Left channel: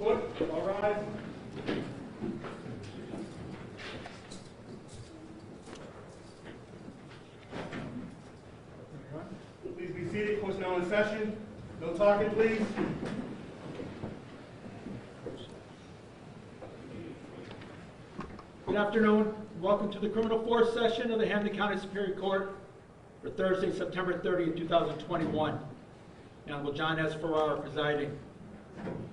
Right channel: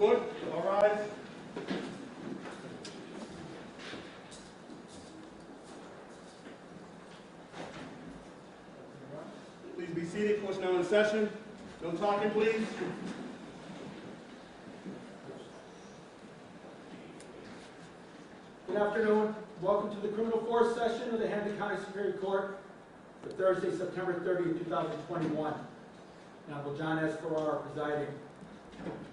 Good. All rise. Please be seated. Court's now in session. No talking, please. Good afternoon. Welcome to the criminal fourth session of the Hampden County Superior Court for Thursday, September 30th, 2021. The Honorable John S. Farrar presiding.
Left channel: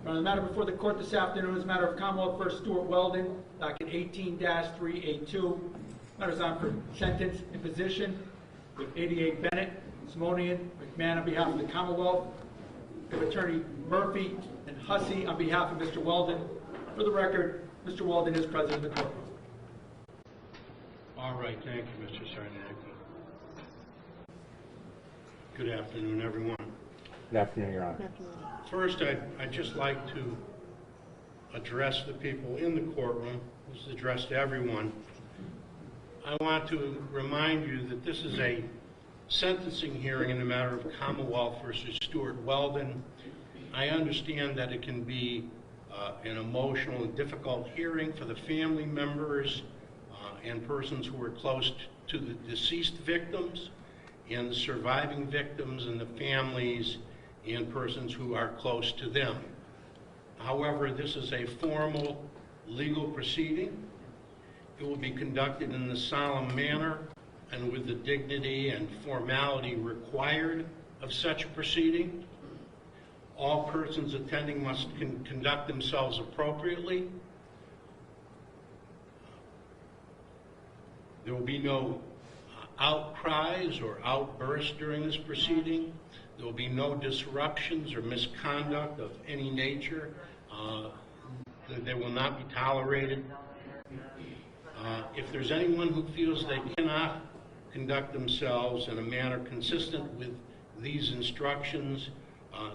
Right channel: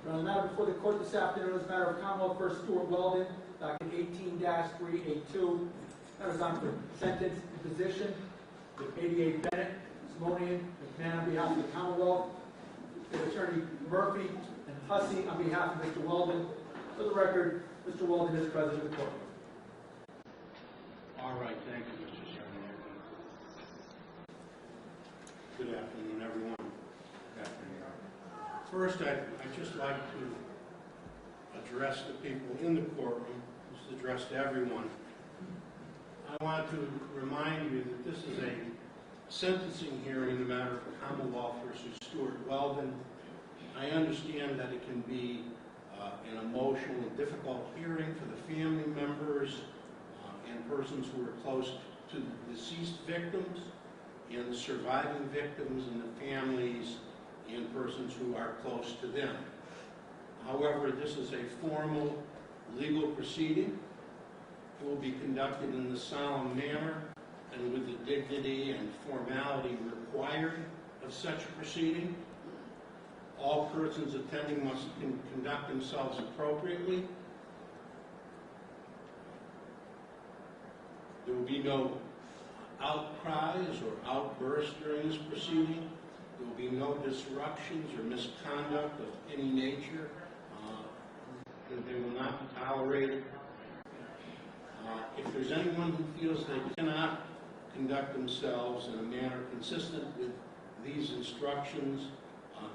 The matter before the court this afternoon is a matter of Commonwealth v. Stewart Weldon, docket 18-382. Matters on for sentence imposition with 88 Bennett, Simonian, McMahon on behalf of the Commonwealth. With Attorney Murphy and Hussey on behalf of Mr. Weldon. For the record, Mr. Weldon is present in the court. All right, thank you, Mr. Sarniaco. Good afternoon, everyone. Good afternoon, Your Honor. First, I'd just like to address the people in the courtroom. This is addressed to everyone. I want to remind you that this is a sentencing hearing in the matter of Commonwealth versus Stewart Weldon. I understand that it can be an emotional and difficult hearing for the family members and persons who are close to the deceased victims and the surviving victims and the families and persons who are close to them. However, this is a formal legal proceeding. It will be conducted in the solemn manner and with the dignity and formality required of such a proceeding. All persons attending must conduct themselves appropriately. There will be no outcries or outbursts during this proceeding. There will be no disruptions or misconduct of any nature. They will not be tolerated. If there's anyone who feels they cannot conduct themselves in a manner consistent with these instructions,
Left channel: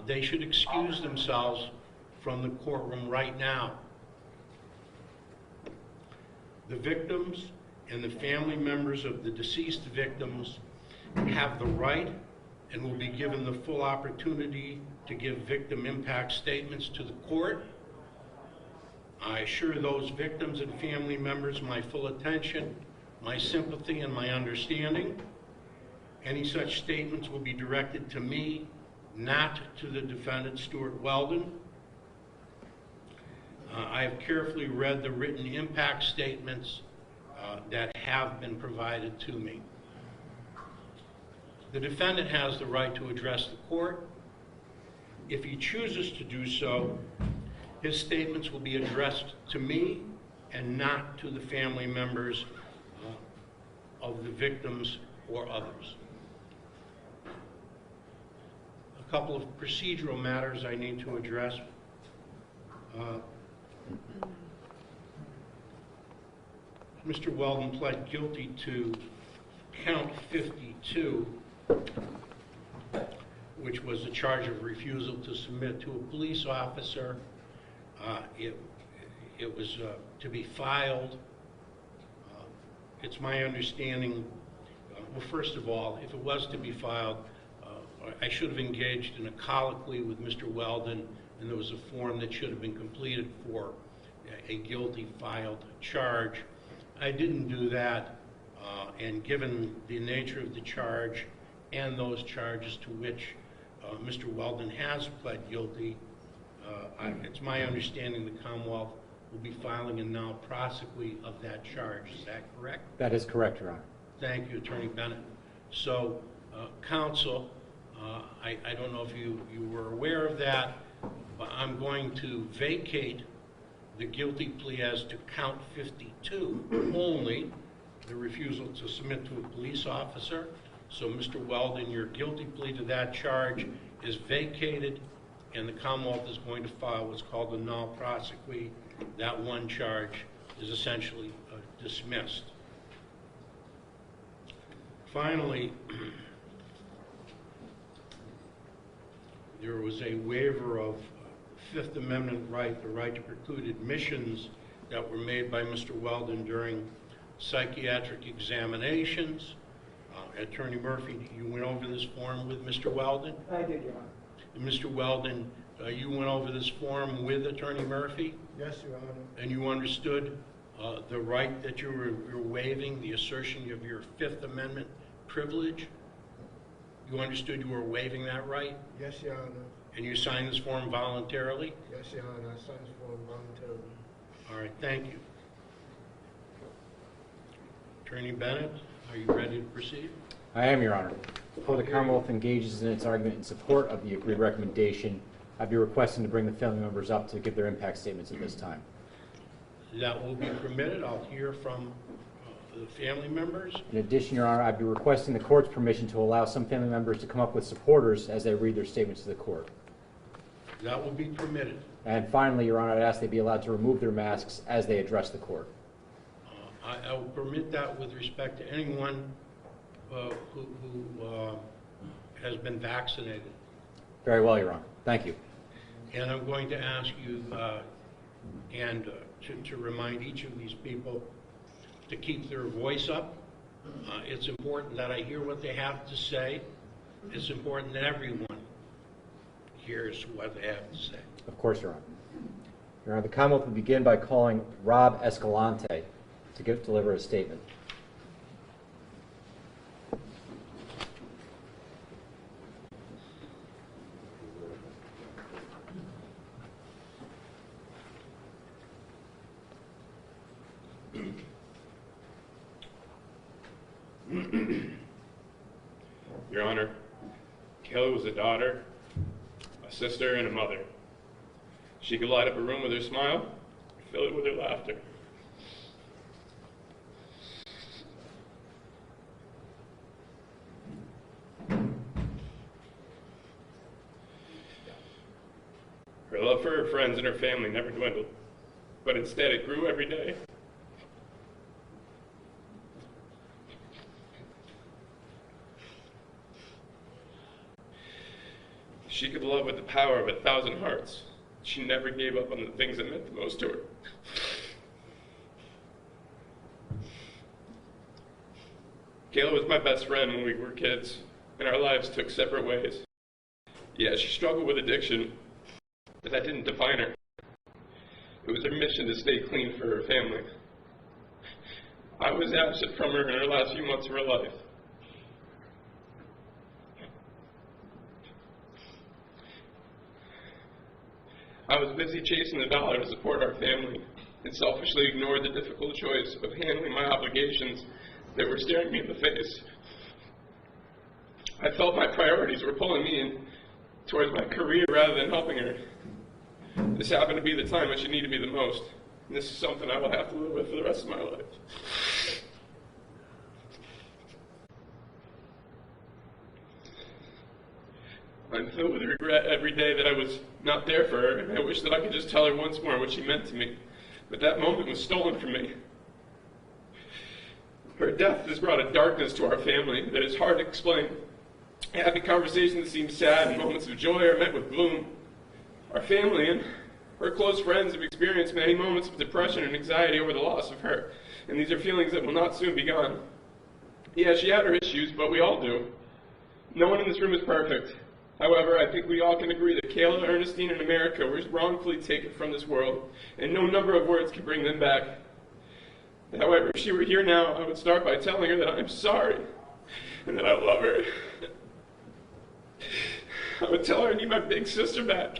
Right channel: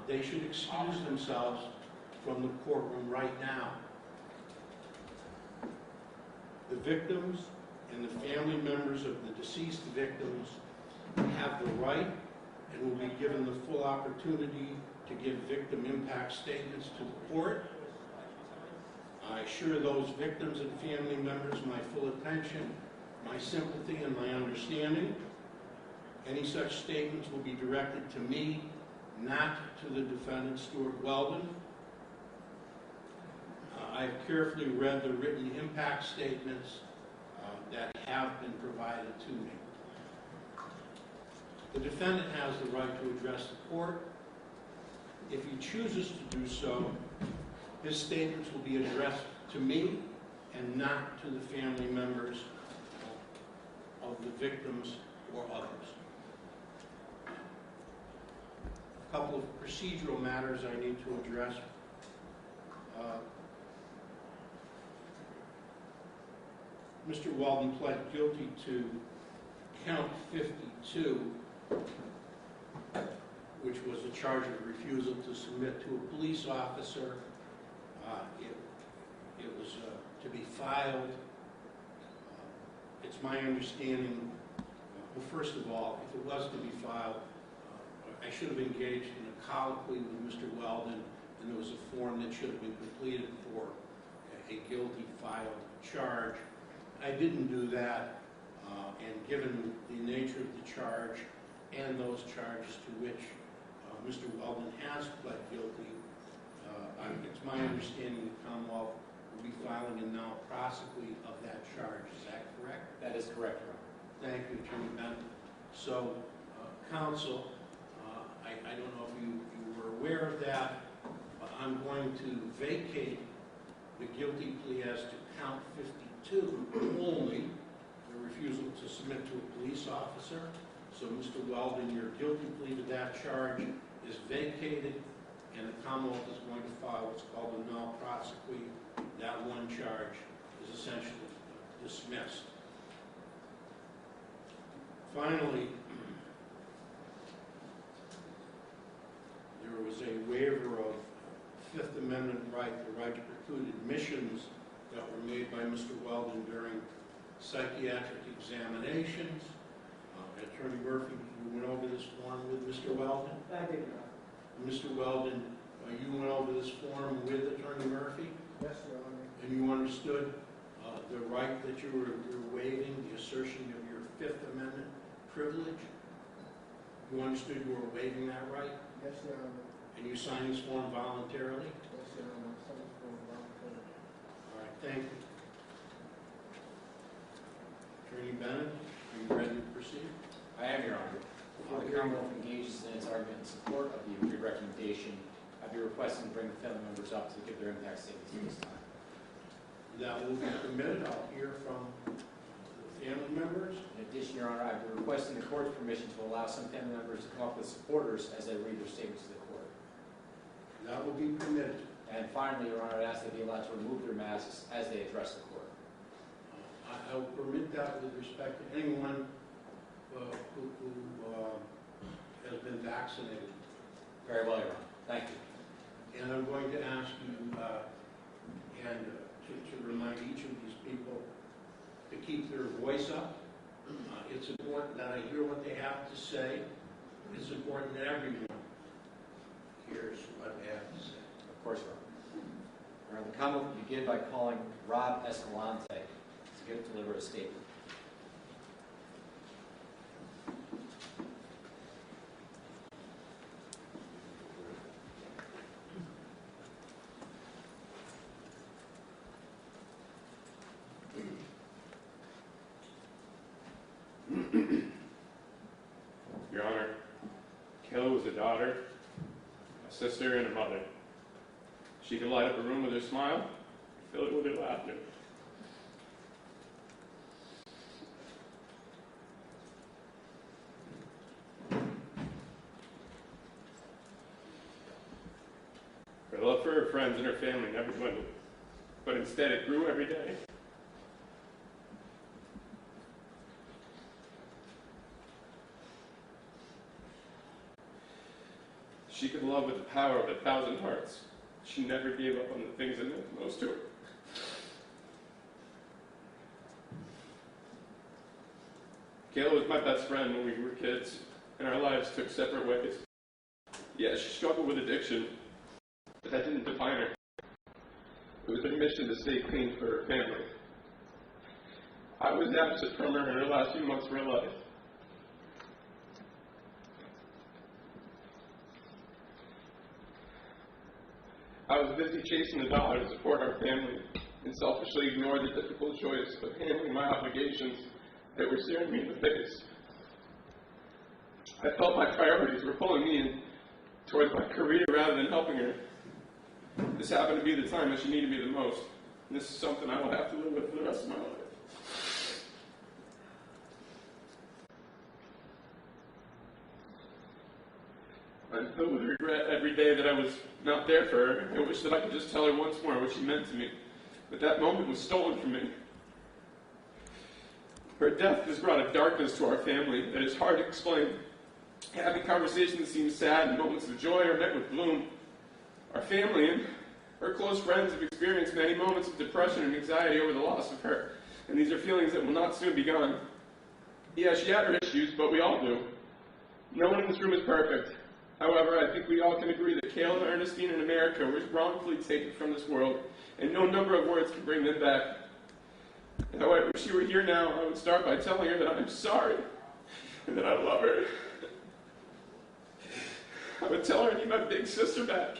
they should excuse themselves from the courtroom right now. The victims and the family members of the deceased victims have the right and will be given the full opportunity to give victim impact statements to the court. I assure those victims and family members my full attention, my sympathy, and my understanding. Any such statements will be directed to me, not to the defendant, Stewart Weldon. I have carefully read the written impact statements that have been provided to me. The defendant has the right to address the court. If he chooses to do so, his statements will be addressed to me and not to the family members of the victims or others. A couple of procedural matters I need to address. Mr. Weldon pled guilty to count 52, which was a charge of refusal to submit to a police officer. It was to be filed. It's my understanding, well, first of all, if it was to be filed, I should have engaged in a colloquy with Mr. Weldon, and there was a form that should have been completed for a guilty filed charge. I didn't do that, and given the nature of the charge and those charges to which Mr. Weldon has pled guilty, it's my understanding the Commonwealth will be filing a now prosequi of that charge. Is that correct? That is correct, Your Honor. Thank you, Attorney Bennett. So, counsel, I don't know if you were aware of that, but I'm going to vacate the guilty plea as to count 52 only, the refusal to submit to a police officer. So, Mr. Weldon, your guilty plea to that charge is vacated, and the Commonwealth is going to file what's called a null prosequi. That one charge is essentially dismissed. Finally, there was a waiver of Fifth Amendment right, the right to preclude admissions that were made by Mr. Weldon during psychiatric examinations. Attorney Murphy, you went over this form with Mr. Weldon? I did, Your Honor. Mr. Weldon you went over this form with Attorney Murphy, Yes, Your Honor. and you understood the right that you're waiving, the assertion of your Fifth Amendment privilege? You understood you were waiving that right? Yes, Your Honor. And you signed this form voluntarily? Yes, Your Honor. I signed this form voluntarily. All right, thank you. Attorney Bennett, are you ready to proceed? I am, Your Honor. Before the Commonwealth engages in its argument in support of the agreed recommendation, I'd be requesting to bring the family members up to give their impact statements at this time. That will be permitted. I'll hear from the family members. In addition, Your Honor, I'd be requesting the court's permission to allow some family members to come up with supporters as they read their statements to the court. That will be permitted. And finally, Your Honor, I'd ask they be allowed to remove their masks as they address the court. I will permit that with respect to anyone who has been vaccinated. Very well, Your Honor. Thank you. And I'm going to ask you to remind each of these people to keep their voice up. It's important that I hear what they have to say. It's important that everyone hears what they have to say. Of course, Your Honor. Your Honor, the Commonwealth will begin by calling Rob Escalante to deliver a statement. Your Honor, Kayla was a daughter, a sister, and a mother. She could light up a room with her smile, fill it with her laughter. Her love for her friends and her family never dwindled, but instead it grew every day. She could love with the power of 1,000 hearts. She never gave up on the things that meant the most to her. Kayla was my best friend when we were kids, and our lives took separate ways. Yeah, she struggled with addiction, but that didn't define her. It was her mission to stay clean for her family. I was absent from her in her last few months of her life. I was busy chasing the dollar to support our family and selfishly ignored the difficult choice of handling my obligations that were staring me in the face. I felt my priorities were pulling me in towards my career rather than helping her. This happened to be the time when she needed me the most, and this is something I will have to live with for the rest of my life. I'm filled with regret every day that I was not there for her, and I wish that I could just tell her once more what she meant to me. But that moment was stolen from me. Her death has brought a darkness to our family that is hard to explain. Happy conversations seem sad, and moments of joy are met with gloom. Our family and her close friends have experienced many moments of depression and anxiety over the loss of her, and these are feelings that will not soon be gone. Yeah, she had her issues, but we all do. No one in this room is perfect. However, I think we all can agree that Kayla, Ernestine, and America were wrongfully taken from this world, and no number of words can bring them back. However, if she were here now, I would start by telling her that I'm sorry, and that I love her. I would tell her I need my big sister back.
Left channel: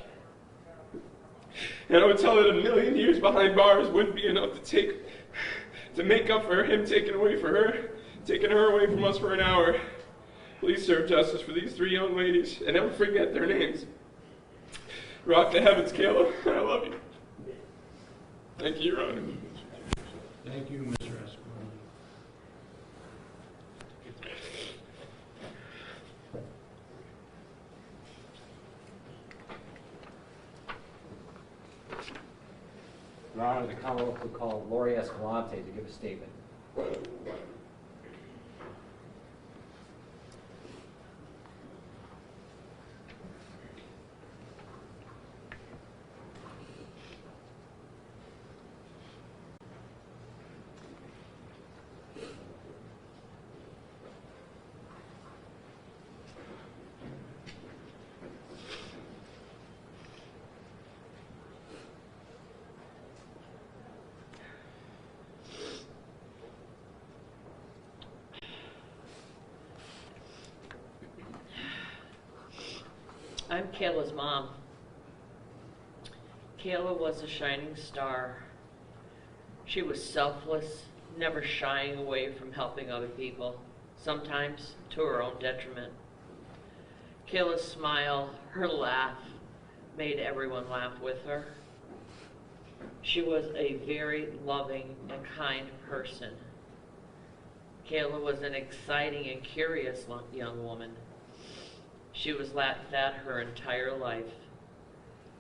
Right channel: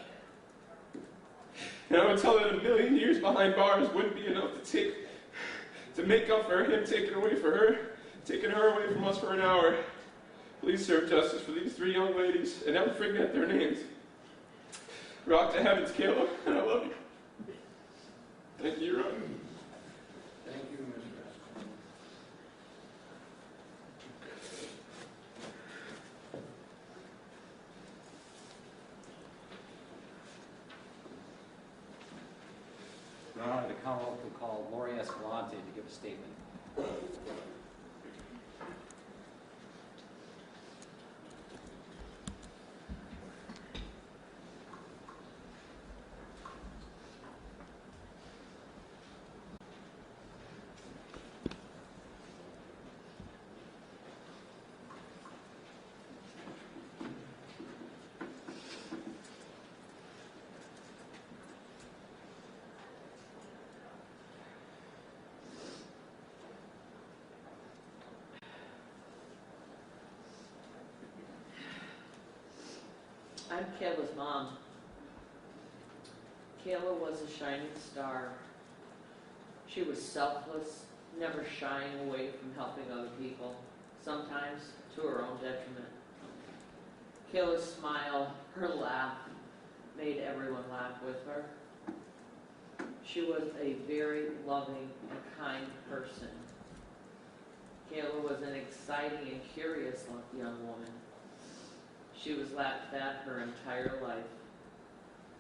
And I would tell her that 1,000,000 years behind bars wouldn't be enough to make up for him taking her away from us for an hour. Please serve justice for these 3 young ladies, and never forget their names. Rock to heavens, Kayla. I love you. Thank you, Your Honor. Thank you, Mr. Escalante. Your Honor, the Commonwealth will call Lori Escalante to give a statement. Kayla's mom. Kayla was a shining star. She was selfless, never shying away from helping other people, sometimes to her own detriment. Kayla's smile, her laugh, made everyone laugh with her. She was a very loving and kind person. Kayla was an exciting and curious young woman. She was laughed at her entire life.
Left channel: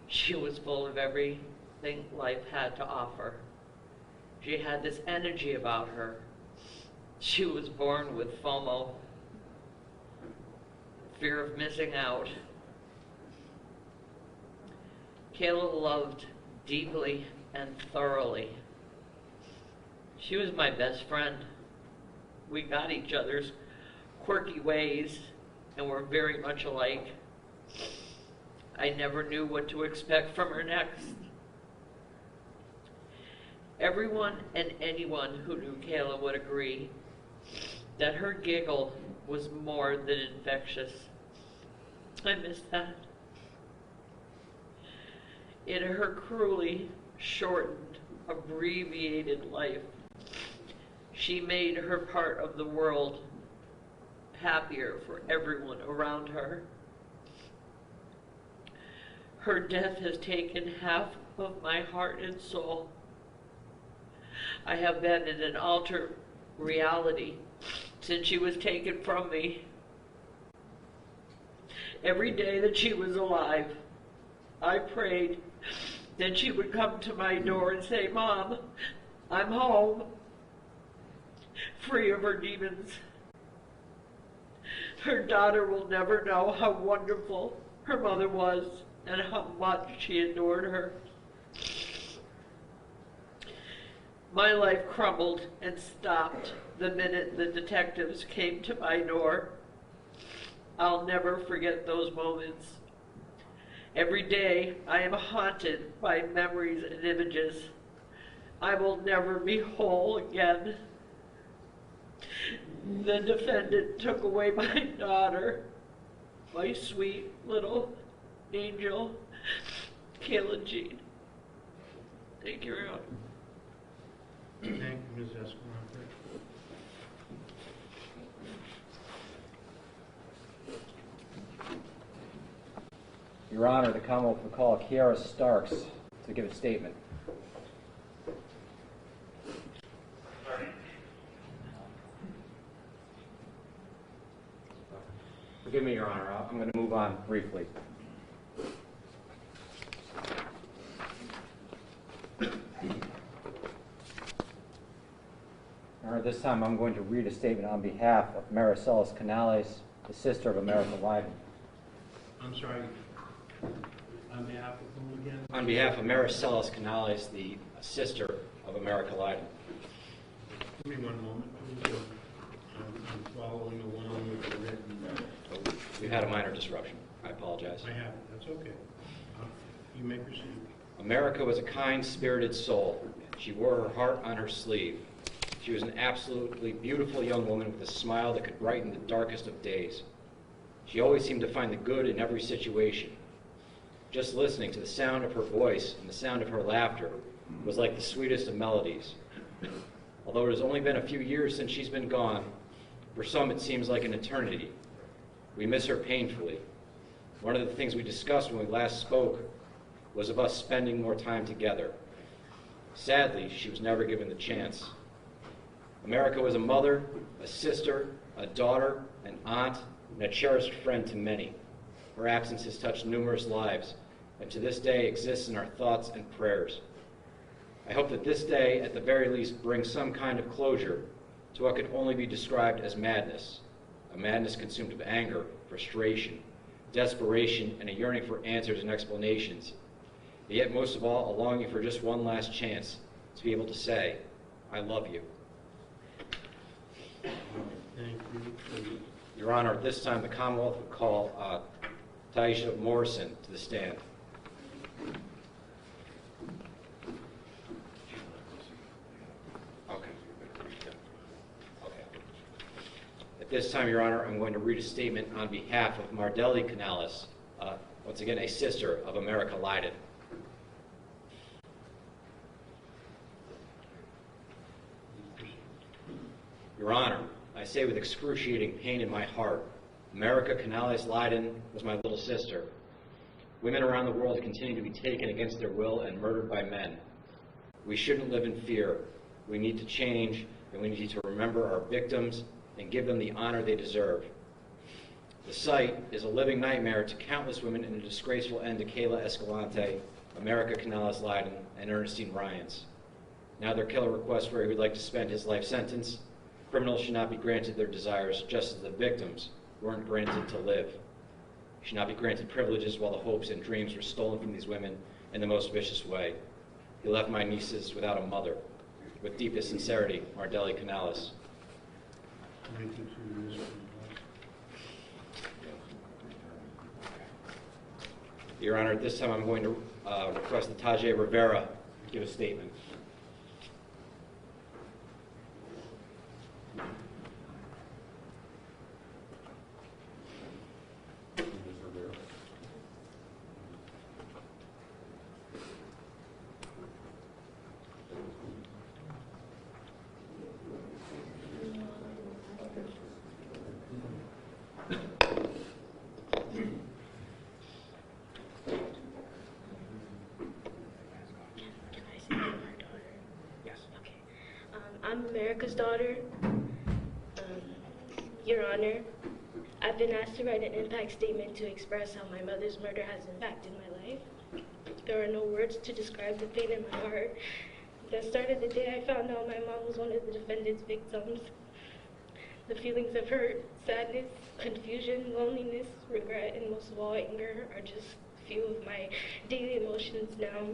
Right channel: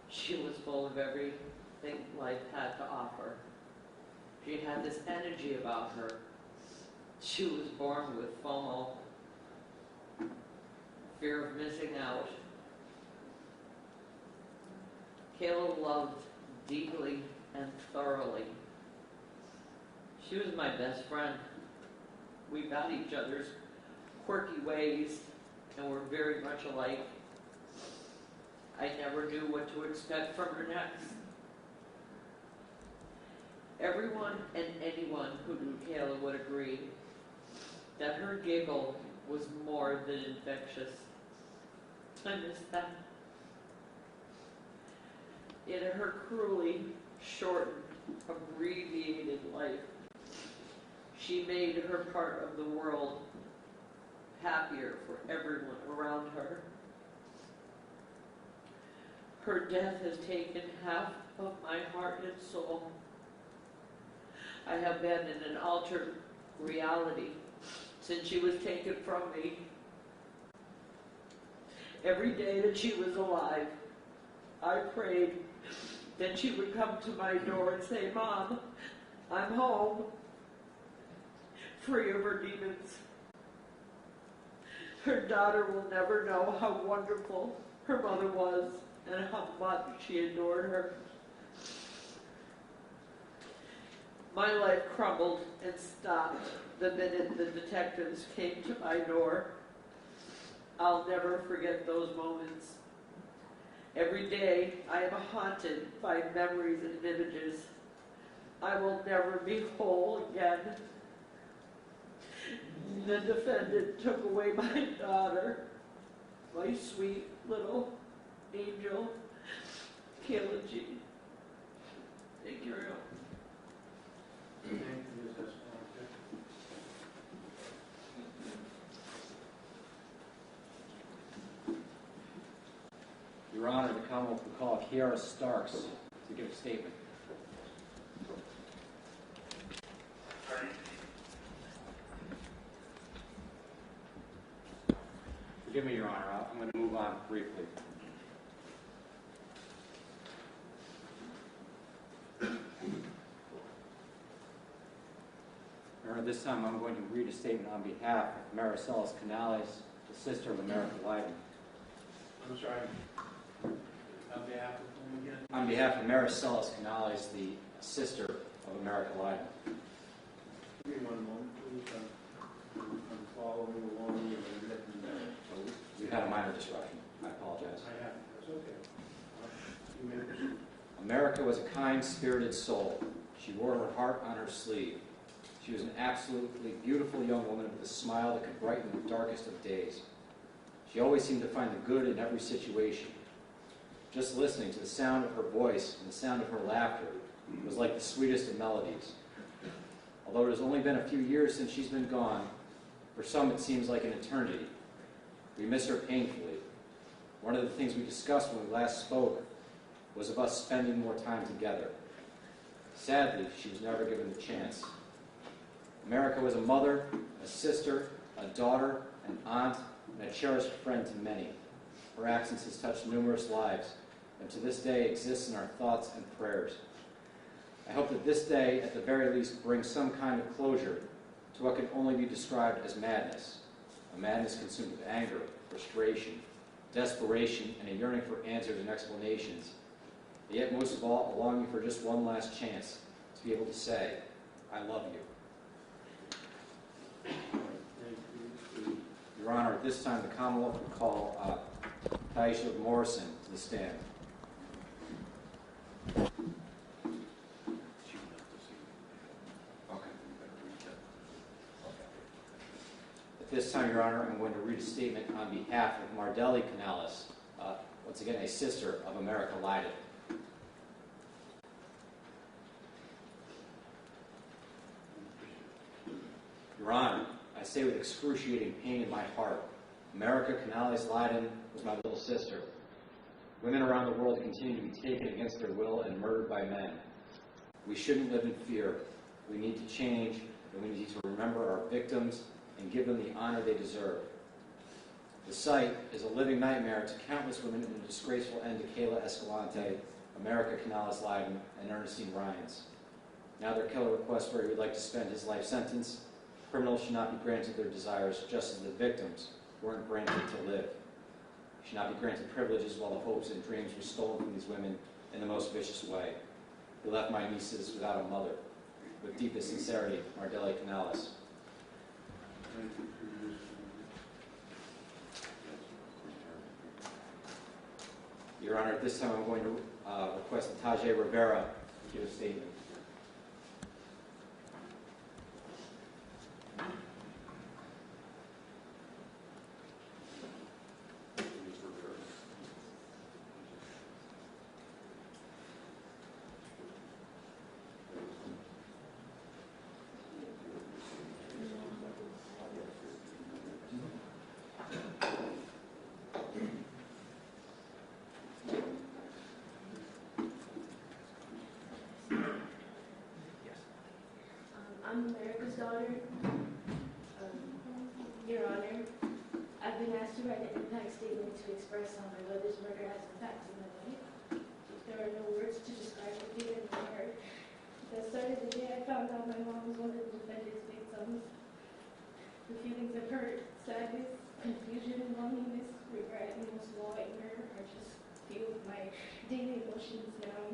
She was full of everything life had to offer. She had this energy about her. She was born with FOMO, fear of missing out. Kayla loved deeply and thoroughly. She was my best friend. We got each other's quirky ways and were very much alike. I never knew what to expect from her next. Everyone and anyone who knew Kayla would agree that her giggle was more than infectious. I miss that. In her cruelly shortened, abbreviated life, she made her part of the world happier for everyone around her. Her death has taken half of my heart and soul. I have been in an altered reality since she was taken from me. Every day that she was alive, I prayed that she would come to my door and say, "Mom, I'm home, free of her demons." Her daughter will never know how wonderful her mother was and how much she adored her. My life crumbled and stopped the minute the detectives came to my door. I'll never forget those moments. Every day I am haunted by memories and images. I will never be whole again. The defendant took away my daughter, my sweet little angel, Kayla Jean. Thank you, everyone. Thank you, Ms. Escalante. Your Honor, the Commonwealth will call Kiara Starks to give a statement. Forgive me, Your Honor. I'm going to move on briefly. Your Honor, this time I'm going to read a statement on behalf of Maricelis Canales, the sister of America Lyman. I'm sorry. On behalf of whom again? On behalf of Maricelis Canales, the sister of America Lyman. Give me one moment, please. I'm following along with the written. We've had a minor disruption. I apologize. I have. That's okay. You may proceed. America was a kind-spirited soul. She wore her heart on her sleeve. She was an absolutely beautiful young woman with a smile that could brighten the darkest of days. She always seemed to find the good in every situation. Just listening to the sound of her voice and the sound of her laughter was like the sweetest of melodies. Although it has only been a few years since she's been gone, for some it seems like an eternity. We miss her painfully. One of the things we discussed when we last spoke was of us spending more time together. Sadly, she was never given the chance. America was a mother, a sister, a daughter, an aunt, and a cherished friend to many. Her absence has touched numerous lives, and to this day exists in our thoughts and prayers. I hope that this day, at the very least, brings some kind of closure to what can only be described as madness, a madness consumed of anger, frustration, desperation, and a yearning for answers and explanations, yet most of all, a longing for just one last chance to be able to say, "I love you." Thank you. Your Honor, at this time, the Commonwealth will call Taisha Morrison to the stand. Okay. At this time, Your Honor, I'm going to read a statement on behalf of Mardelli Canales. once again, a sister of America Leiden. Your Honor, I say with excruciating pain in my heart, America Canales Leiden was my little sister. Women around the world continue to be taken against their will and murdered by men. We shouldn't live in fear. We need to change, and we need to remember our victims and give them the honor they deserve. The site is a living nightmare to countless women and a disgraceful end to Kayla Escalante, America Canales Leiden, and Ernestine Ryans. Now their killer requests where he would like to spend his life sentence. Criminals should not be granted their desires, just as the victims weren't granted to live. Should not be granted privileges while the hopes and dreams were stolen from these women in the most vicious way. He left my nieces without a mother. With deepest sincerity, Mardelli Canales. Your Honor, at this time I'm going to request that Tajay Rivera give a statement. I'm America's daughter. Your Honor, I've been asked to write an impact statement to express how my mother's murder has impacted my life. There are no words to describe the pain in my heart. That started the day I found out my mom was one of the defendant's victims. The feelings of hurt, sadness, confusion, loneliness, regret, and most of all anger are just few of my daily emotions now.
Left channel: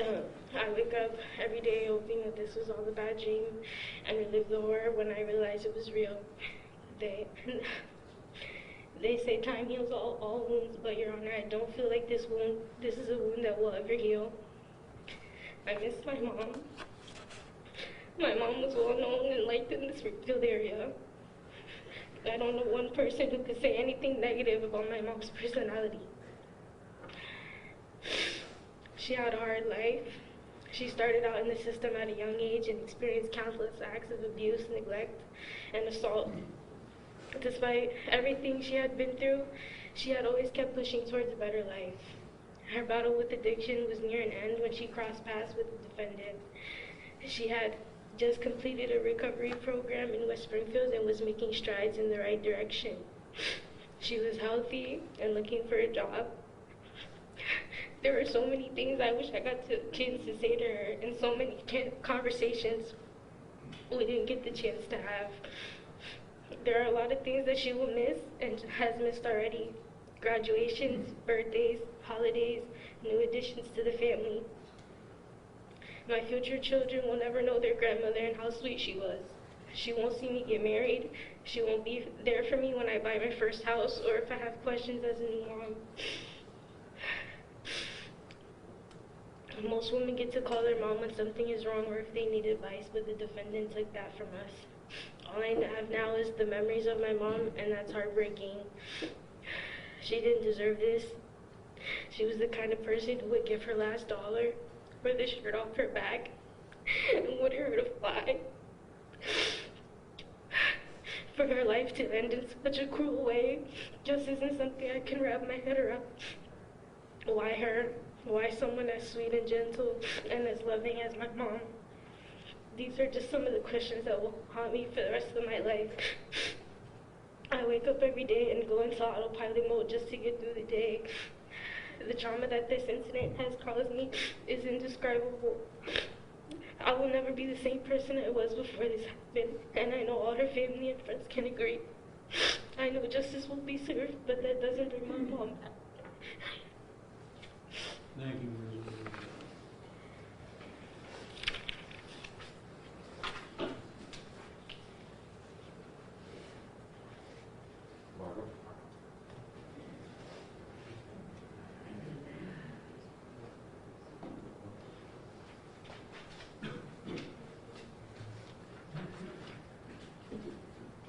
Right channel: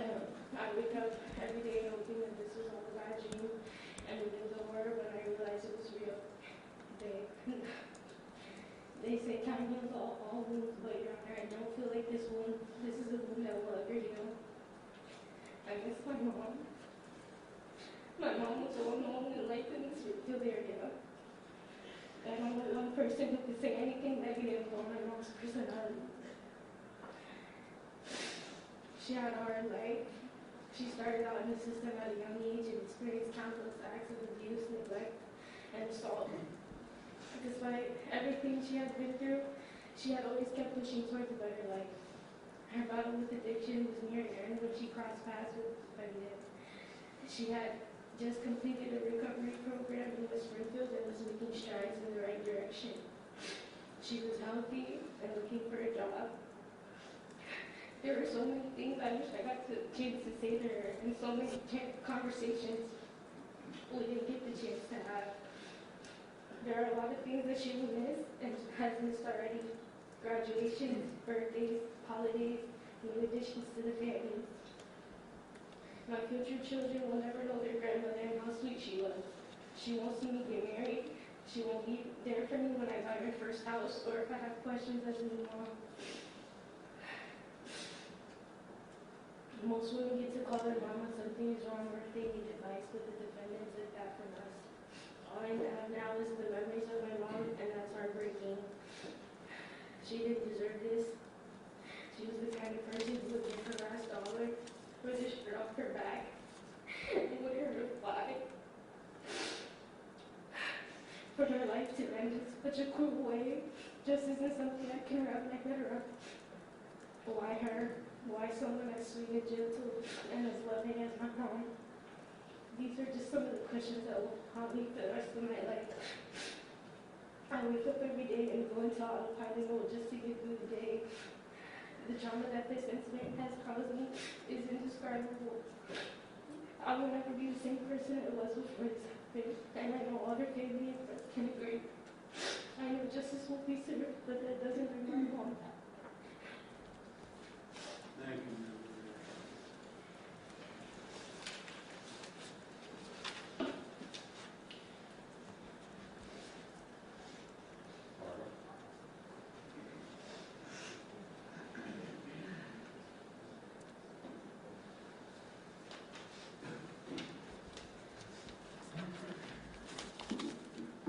I wake up every day hoping that this was all a bad dream and relive the horror when I realize it was real. They say time heals all wounds, but Your Honor, I don't feel like this is a wound that will ever heal. I miss my mom. My mom was well known and liked in the Springfield area. I don't know one person who could say anything negative about my mom's personality. She had a hard life. She started out in the system at a young age and experienced countless acts of abuse, neglect, and assault. Despite everything she had been through, she had always kept pushing towards a better life. Her battle with addiction was near an end when she crossed paths with the defendant. She had just completed a recovery program in West Springfield and was making strides in the right direction. She was healthy and looking for a job. There were so many things I wish I got the chance to say to her, and so many conversations we didn't get the chance to have. There are a lot of things that she will miss and has missed already. Graduations, birthdays, holidays, new additions to the family. My future children will never know their grandmother and how sweet she was. She won't see me get married. She won't be there for me when I buy my first house or if I have questions as a new mom. Most women get to call their mom when something is wrong or if they need advice, but the defendant took that from us. All I have now is the memories of my mom, and that's heartbreaking. She didn't deserve this. She was the kind of person who would give her last dollar for the shirt off her back and would hurt a fly. For her life to end in such a cruel way just isn't something I can wrap my head around. Why her? Why someone as sweet and gentle and as loving as my mom? These are just some of the questions that will haunt me for the rest of my life. I wake up every day and go into autopilot mode just to get through the day. The trauma that this incident has caused me is indescribable. I will never be the same person I was before this happened, and I know all her family and friends can agree. I know justice will be served, but that doesn't bring my mom back. Thank you, Ms.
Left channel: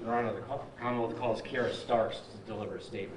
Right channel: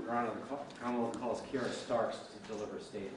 Your Honor, the Commonwealth calls Kiara Starks to deliver a statement.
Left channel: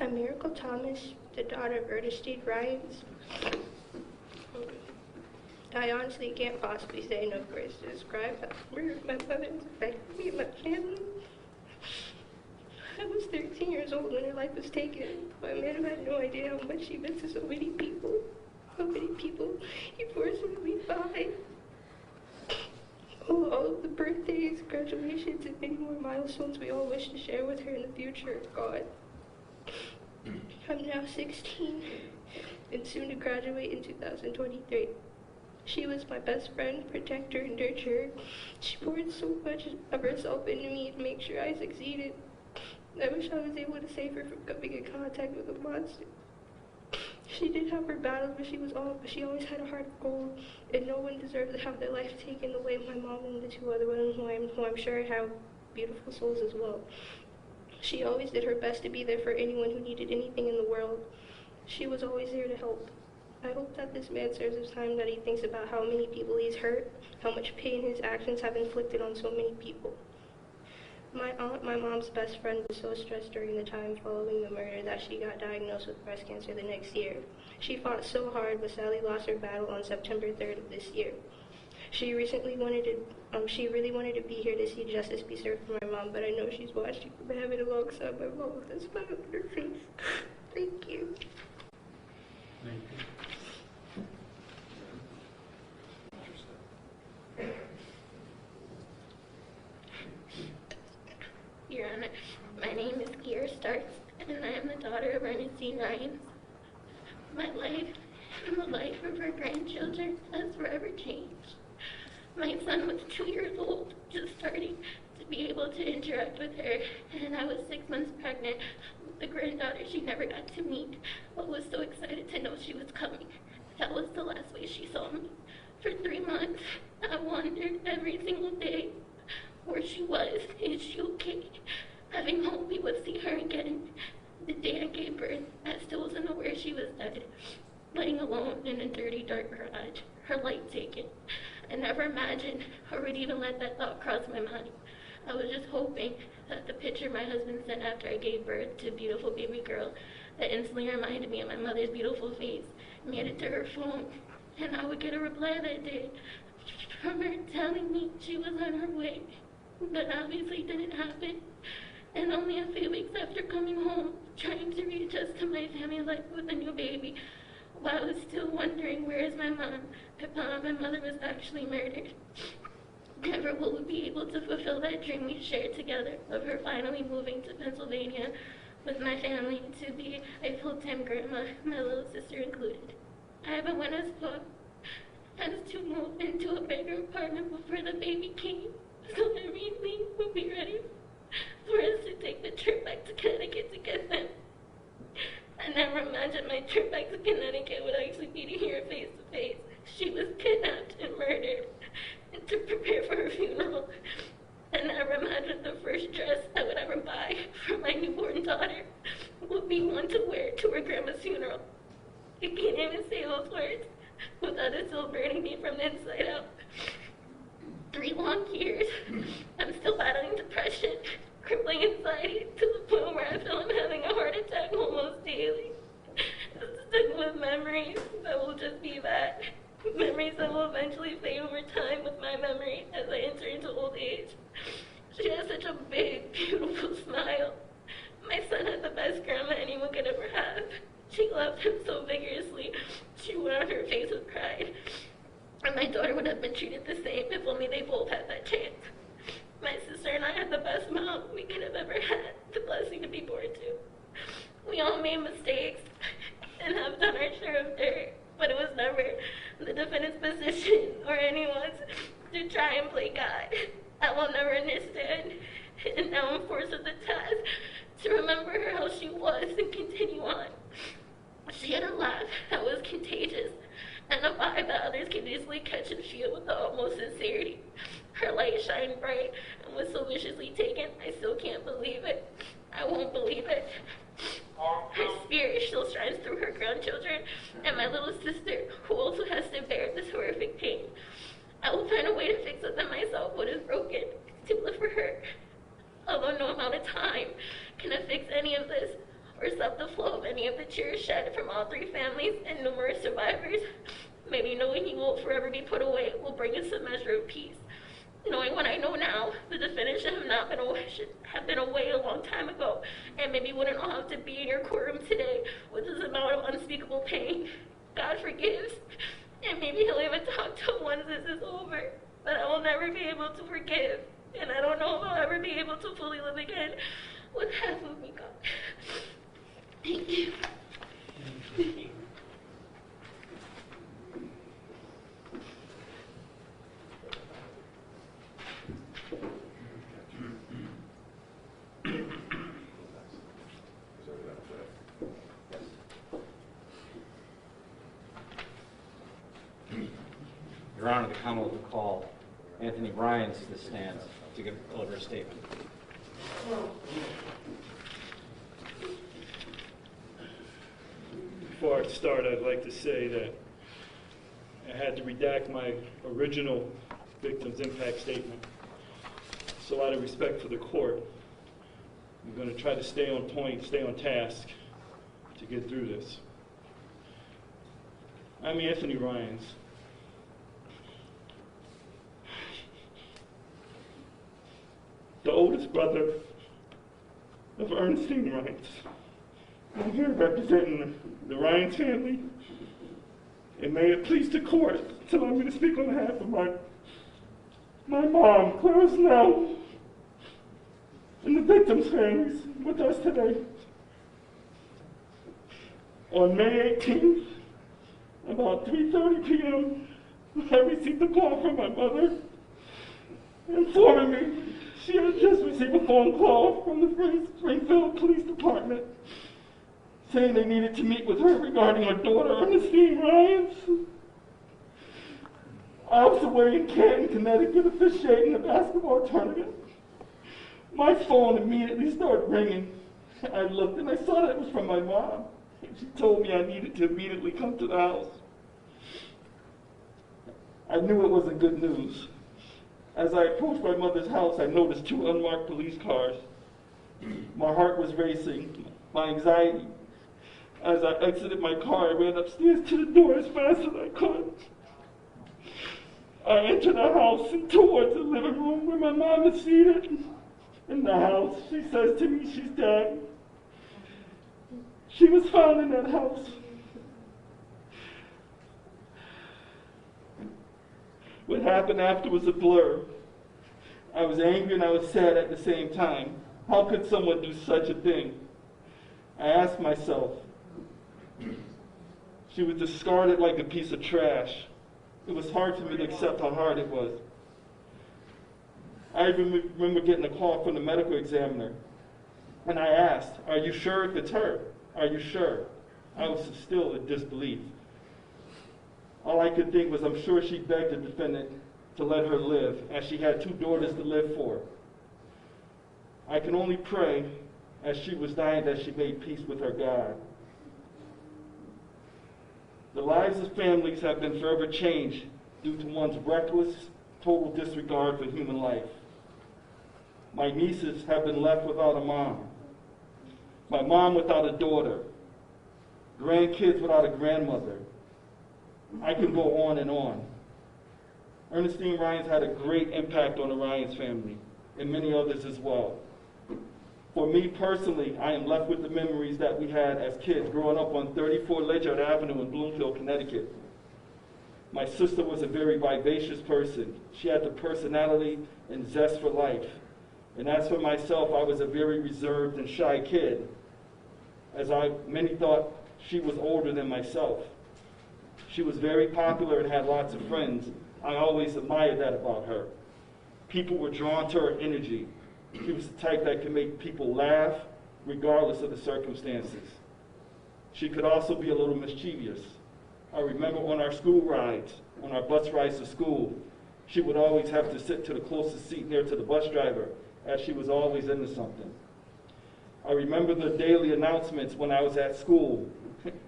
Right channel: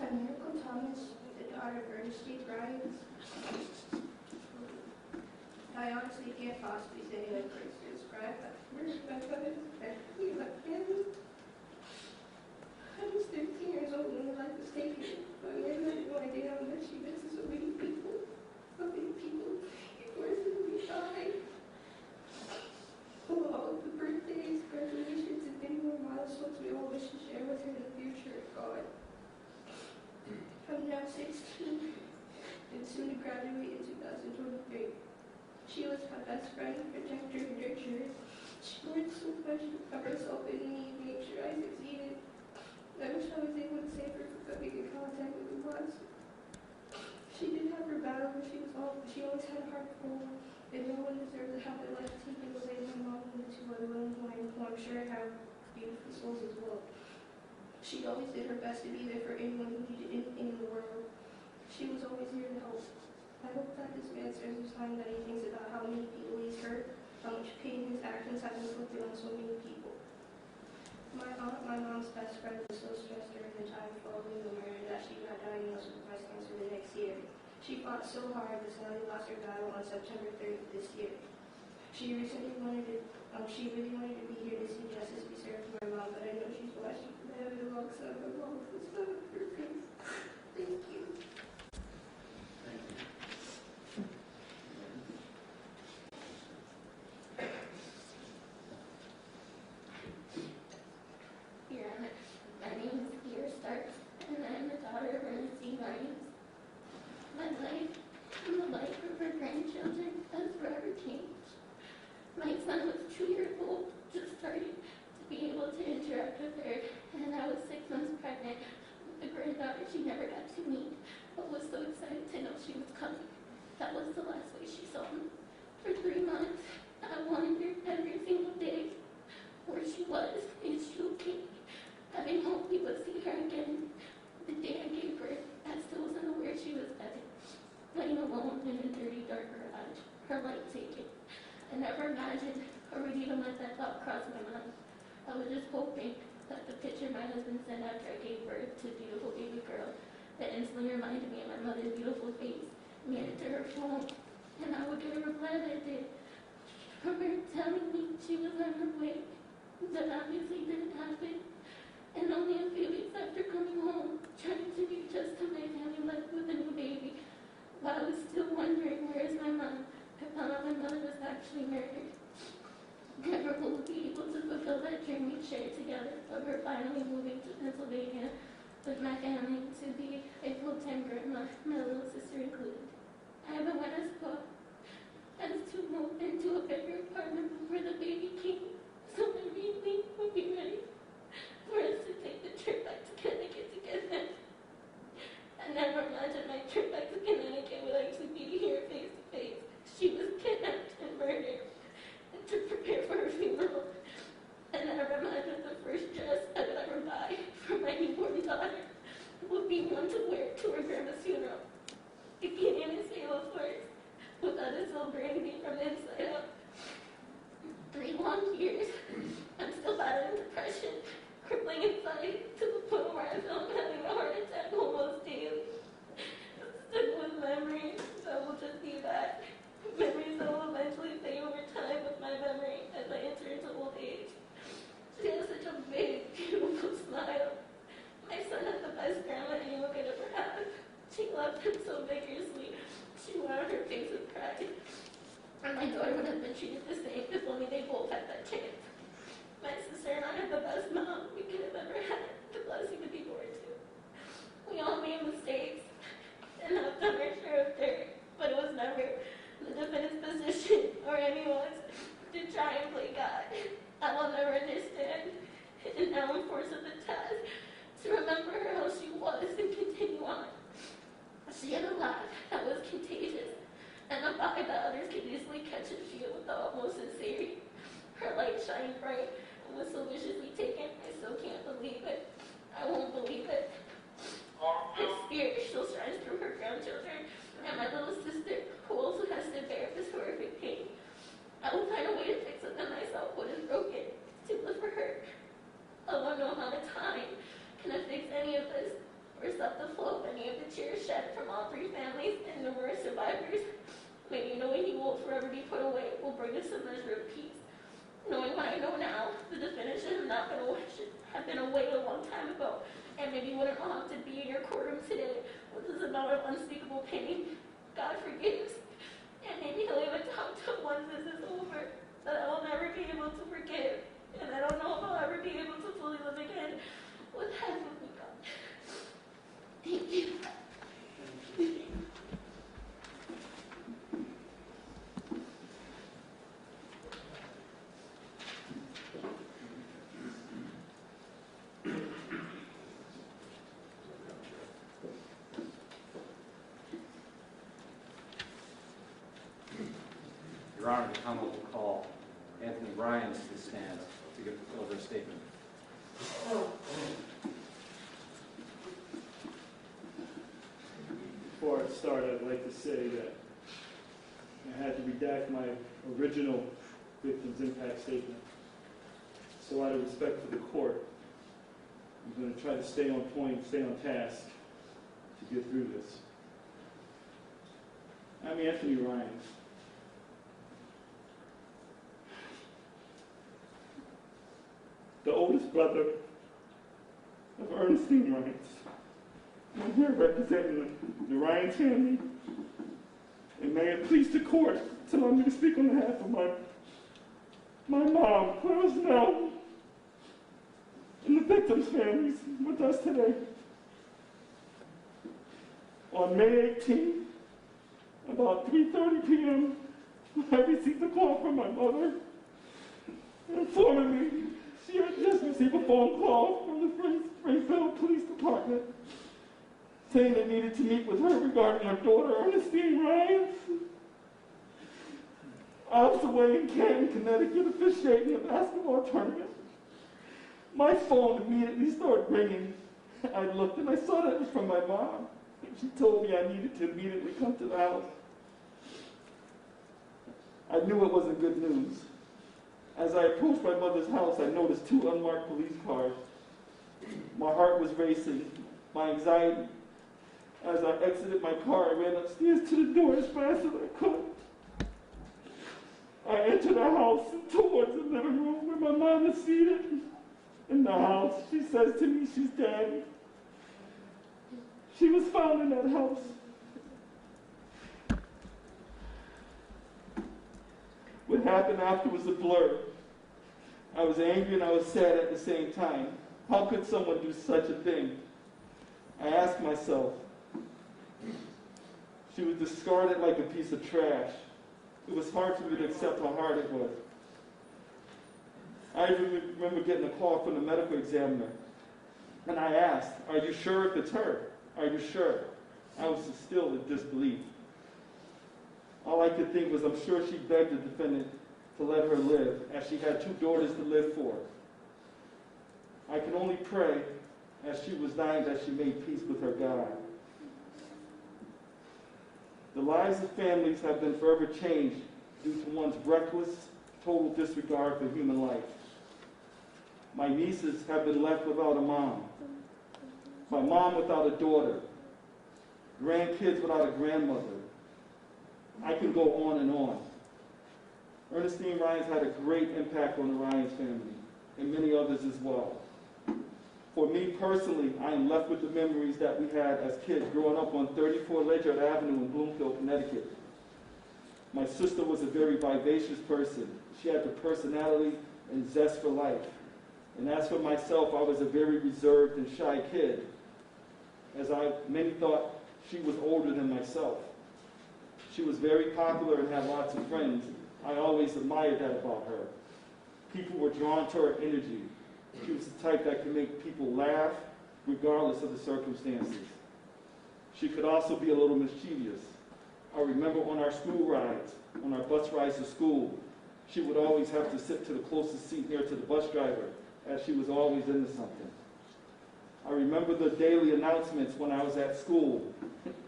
I'm Miracle Thomas, the daughter of Ernestine Rhymes. I honestly can't possibly say enough words to describe how my mother has affected me and my family. I was 13 years old when her life was taken. My man had no idea how much she meant to so many people. How many people he forcibly died. All of the birthdays, graduations, and many more milestones we all wish to share with her in the future are gone. I'm now 16 and soon to graduate in 2023. She was my best friend, protector, and nurturer. She poured so much of herself into me to make sure I succeeded. I wish I was able to save her from coming in contact with a monster. She did have her battles, but she always had a heart of gold, and no one deserves to have their life taken the way my mom and the two other women who I'm sure have beautiful souls as well. She always did her best to be there for anyone who needed anything in the world. She was always there to help. I hope that this man serves his time, that he thinks about how many people he's hurt, how much pain his actions have inflicted on so many people. My aunt, my mom's best friend, was so stressed during the time following the murder that she got diagnosed with breast cancer the next year. She fought so hard but sadly lost her battle on September 3rd of this year. She really wanted to be here to see justice be served for my mom, but I know she's watching from heaven alongside my mom with a smile on her face. Thank you. Your Honor, my name is Kier Starks, and I am the daughter of Ernestine Rhymes. My life and the life of her grandchildren has forever changed. My son was 2 years old, just starting to be able to interact with her, and I was 6 months pregnant with the granddaughter she never got to meet, but was so excited to know she was coming. That was the last way she saw me. For 3 months, I wondered every single day where she was. Is she okay? Having hope we would see her again. The day I gave birth, I still wasn't aware she was dead, laying alone in a dirty, dark garage, her light taken. I never imagined or would even let that thought cross my mind. I was just hoping that the picture my husband sent after I gave birth to a beautiful baby girl that instantly reminded me of my mother's beautiful face made it to her phone, and I would get a reply that day from her telling me she was on her way. That obviously didn't happen, and only a few weeks after coming home, trying to readjust to my family life with a new baby, while I was still wondering where is my mom, I found out my mother was actually murdered. Never will we be able to fulfill that dream we shared together of her finally moving to Pennsylvania with my family to be a full-time grandma, my little sister included. I haven't went as far as to move into a bigger apartment before the baby came, so everything will be ready for us to take the trip back to Connecticut to get them. I never imagined my trip back to Connecticut would actually be to hear her face to face. She was kidnapped and murdered, and to prepare for her funeral. I never imagined the first dress I would ever buy for my newborn daughter would be one to wear to her grandma's funeral. I can't even say those words without it still burning me from the inside out. 3 long years, I'm still battling depression, crippling anxiety, to the point where I feel I'm having a heart attack almost daily. Stuck with memories that will just be that. Memories that will eventually fade over time with my memory as I enter into old age. She has such a big, beautiful smile. My son had the best grandma anyone could ever have. She loved him so vigorously, she wore on her face with pride. And my daughter would have been treated the same if only they both had that chance. My sister and I had the best mom we could have ever had, the blessing to be born to. We all made mistakes and have done our share of dirt, but it was never the defendant's position or anyone's to try and play God. I will never understand, and now I'm forced with the task to remember her how she was and continue on. She had a laugh that was contagious, and a vibe that others could easily catch and feel with the utmost sincerity. Her light shined bright and was so viciously taken, I still can't believe it. I won't believe it. Her spirit still shines through her grandchildren and my little sister, who also has to bear this horrific pain. I will find a way to fix within myself what is broken, to live for her. Although no amount of time can fix any of this or stop the all three families and numerous survivors. Maybe knowing he won't forever be put away will bring us a measure of peace. Knowing what I know now, the defendant should have been away a long time ago, and maybe wouldn't all have to be in your courtroom today with this amount of unspeakable pain. God forgives, and maybe he'll even talk to once this is over. But I will never be able to forgive, and I don't know if I'll ever be able to fully live again with half of me gone. Thank you. Your Honor, the Commonwealth will call Anthony Ryans to the stand to deliver a statement. Before I start, I'd like to say that I had to redact my original victim's impact statement. So out of respect for the court, I'm going to try to stay on point, stay on task to get through this. I'm Anthony Ryans. The oldest brother of Ernestine Ryans. I'm here representing the Ryans family, and may it please the court to allow me to speak on behalf of my mom, Claire Snow, and the victims' families with us today. On May 18th, about 3:30 p.m., I received a call from my mother informing me she had just received a phone call from the Springfield Police Department saying they needed to meet with her regarding her daughter, Ernestine Ryans. I was away in Canton, Connecticut, officiating a basketball tournament. My phone immediately started ringing. I looked and I saw that it was from my mom. She told me I needed to immediately come to the house. I knew it wasn't good news. As I approached my mother's house, I noticed 2 unmarked police cars. My heart was racing, my anxiety. As I exited my car, I ran upstairs to the door as fast as I could. I entered the house and towards the living room where my mom is seated. In the house, she says to me she's dead. She was found in that house. What happened after was a blur. I was angry and I was sad at the same time. How could someone do such a thing? I asked myself. She was discarded like a piece of trash. It was hard for me to accept how hard it was. I remember getting a call from the medical examiner, and I asked, "Are you sure if it's her? Are you sure?" I was still in disbelief. All I could think was I'm sure she begged the defendant to let her live, as she had 2 daughters to live for. I can only pray as she was dying that she made peace with her God. The lives of families have been forever changed due to one's reckless, total disregard for human life. My nieces have been left without a mom. My mom without a daughter. Grandkids without a grandmother. I can go on and on. Ernestine Ryans had a great impact on the Ryans family, and many others as well. For me personally, I am left with the memories that we had as kids growing up on 34 Ledyard Avenue in Bloomfield, Connecticut. My sister was a very vivacious person. She had the personality and zest for life. And as for myself, I was a very reserved and shy kid, as many thought she was older than myself. She was very popular and had lots of friends. I always admired that about her. People were drawn to her energy. She was the type that could make people laugh regardless of the circumstances. She could also be a little mischievous. I remember on our school rides, on our bus rides to school, she would always have to sit to the closest seat near to the bus driver, as she was always into something. I remember the daily announcements when I was at school.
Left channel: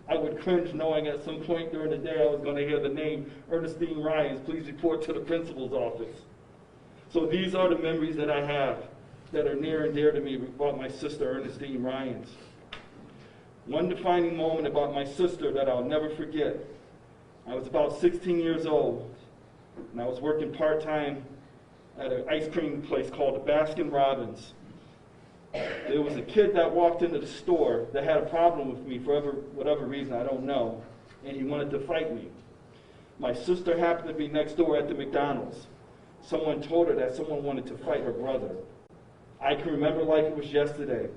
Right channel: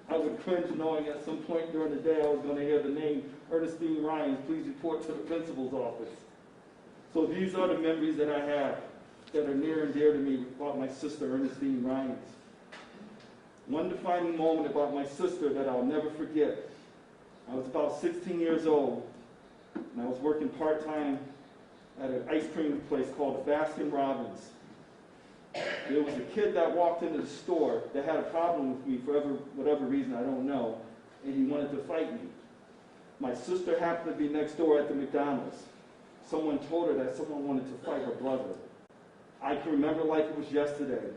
I would cringe knowing at some point during the day I was going to hear the name Ernestine Ryans, please report to the principal's office. So these are the memories that I have that are near and dear to me about my sister Ernestine Ryans. One defining moment about my sister that I'll never forget. I was about 16 years old, and I was working part-time at an ice cream place called the Baskin Robbins. There was a kid that walked into the store that had a problem with me for whatever reason, I don't know, and he wanted to fight me. My sister happened to be next door at the McDonald's. Someone told her that someone wanted to fight her brother. I can remember like it was yesterday.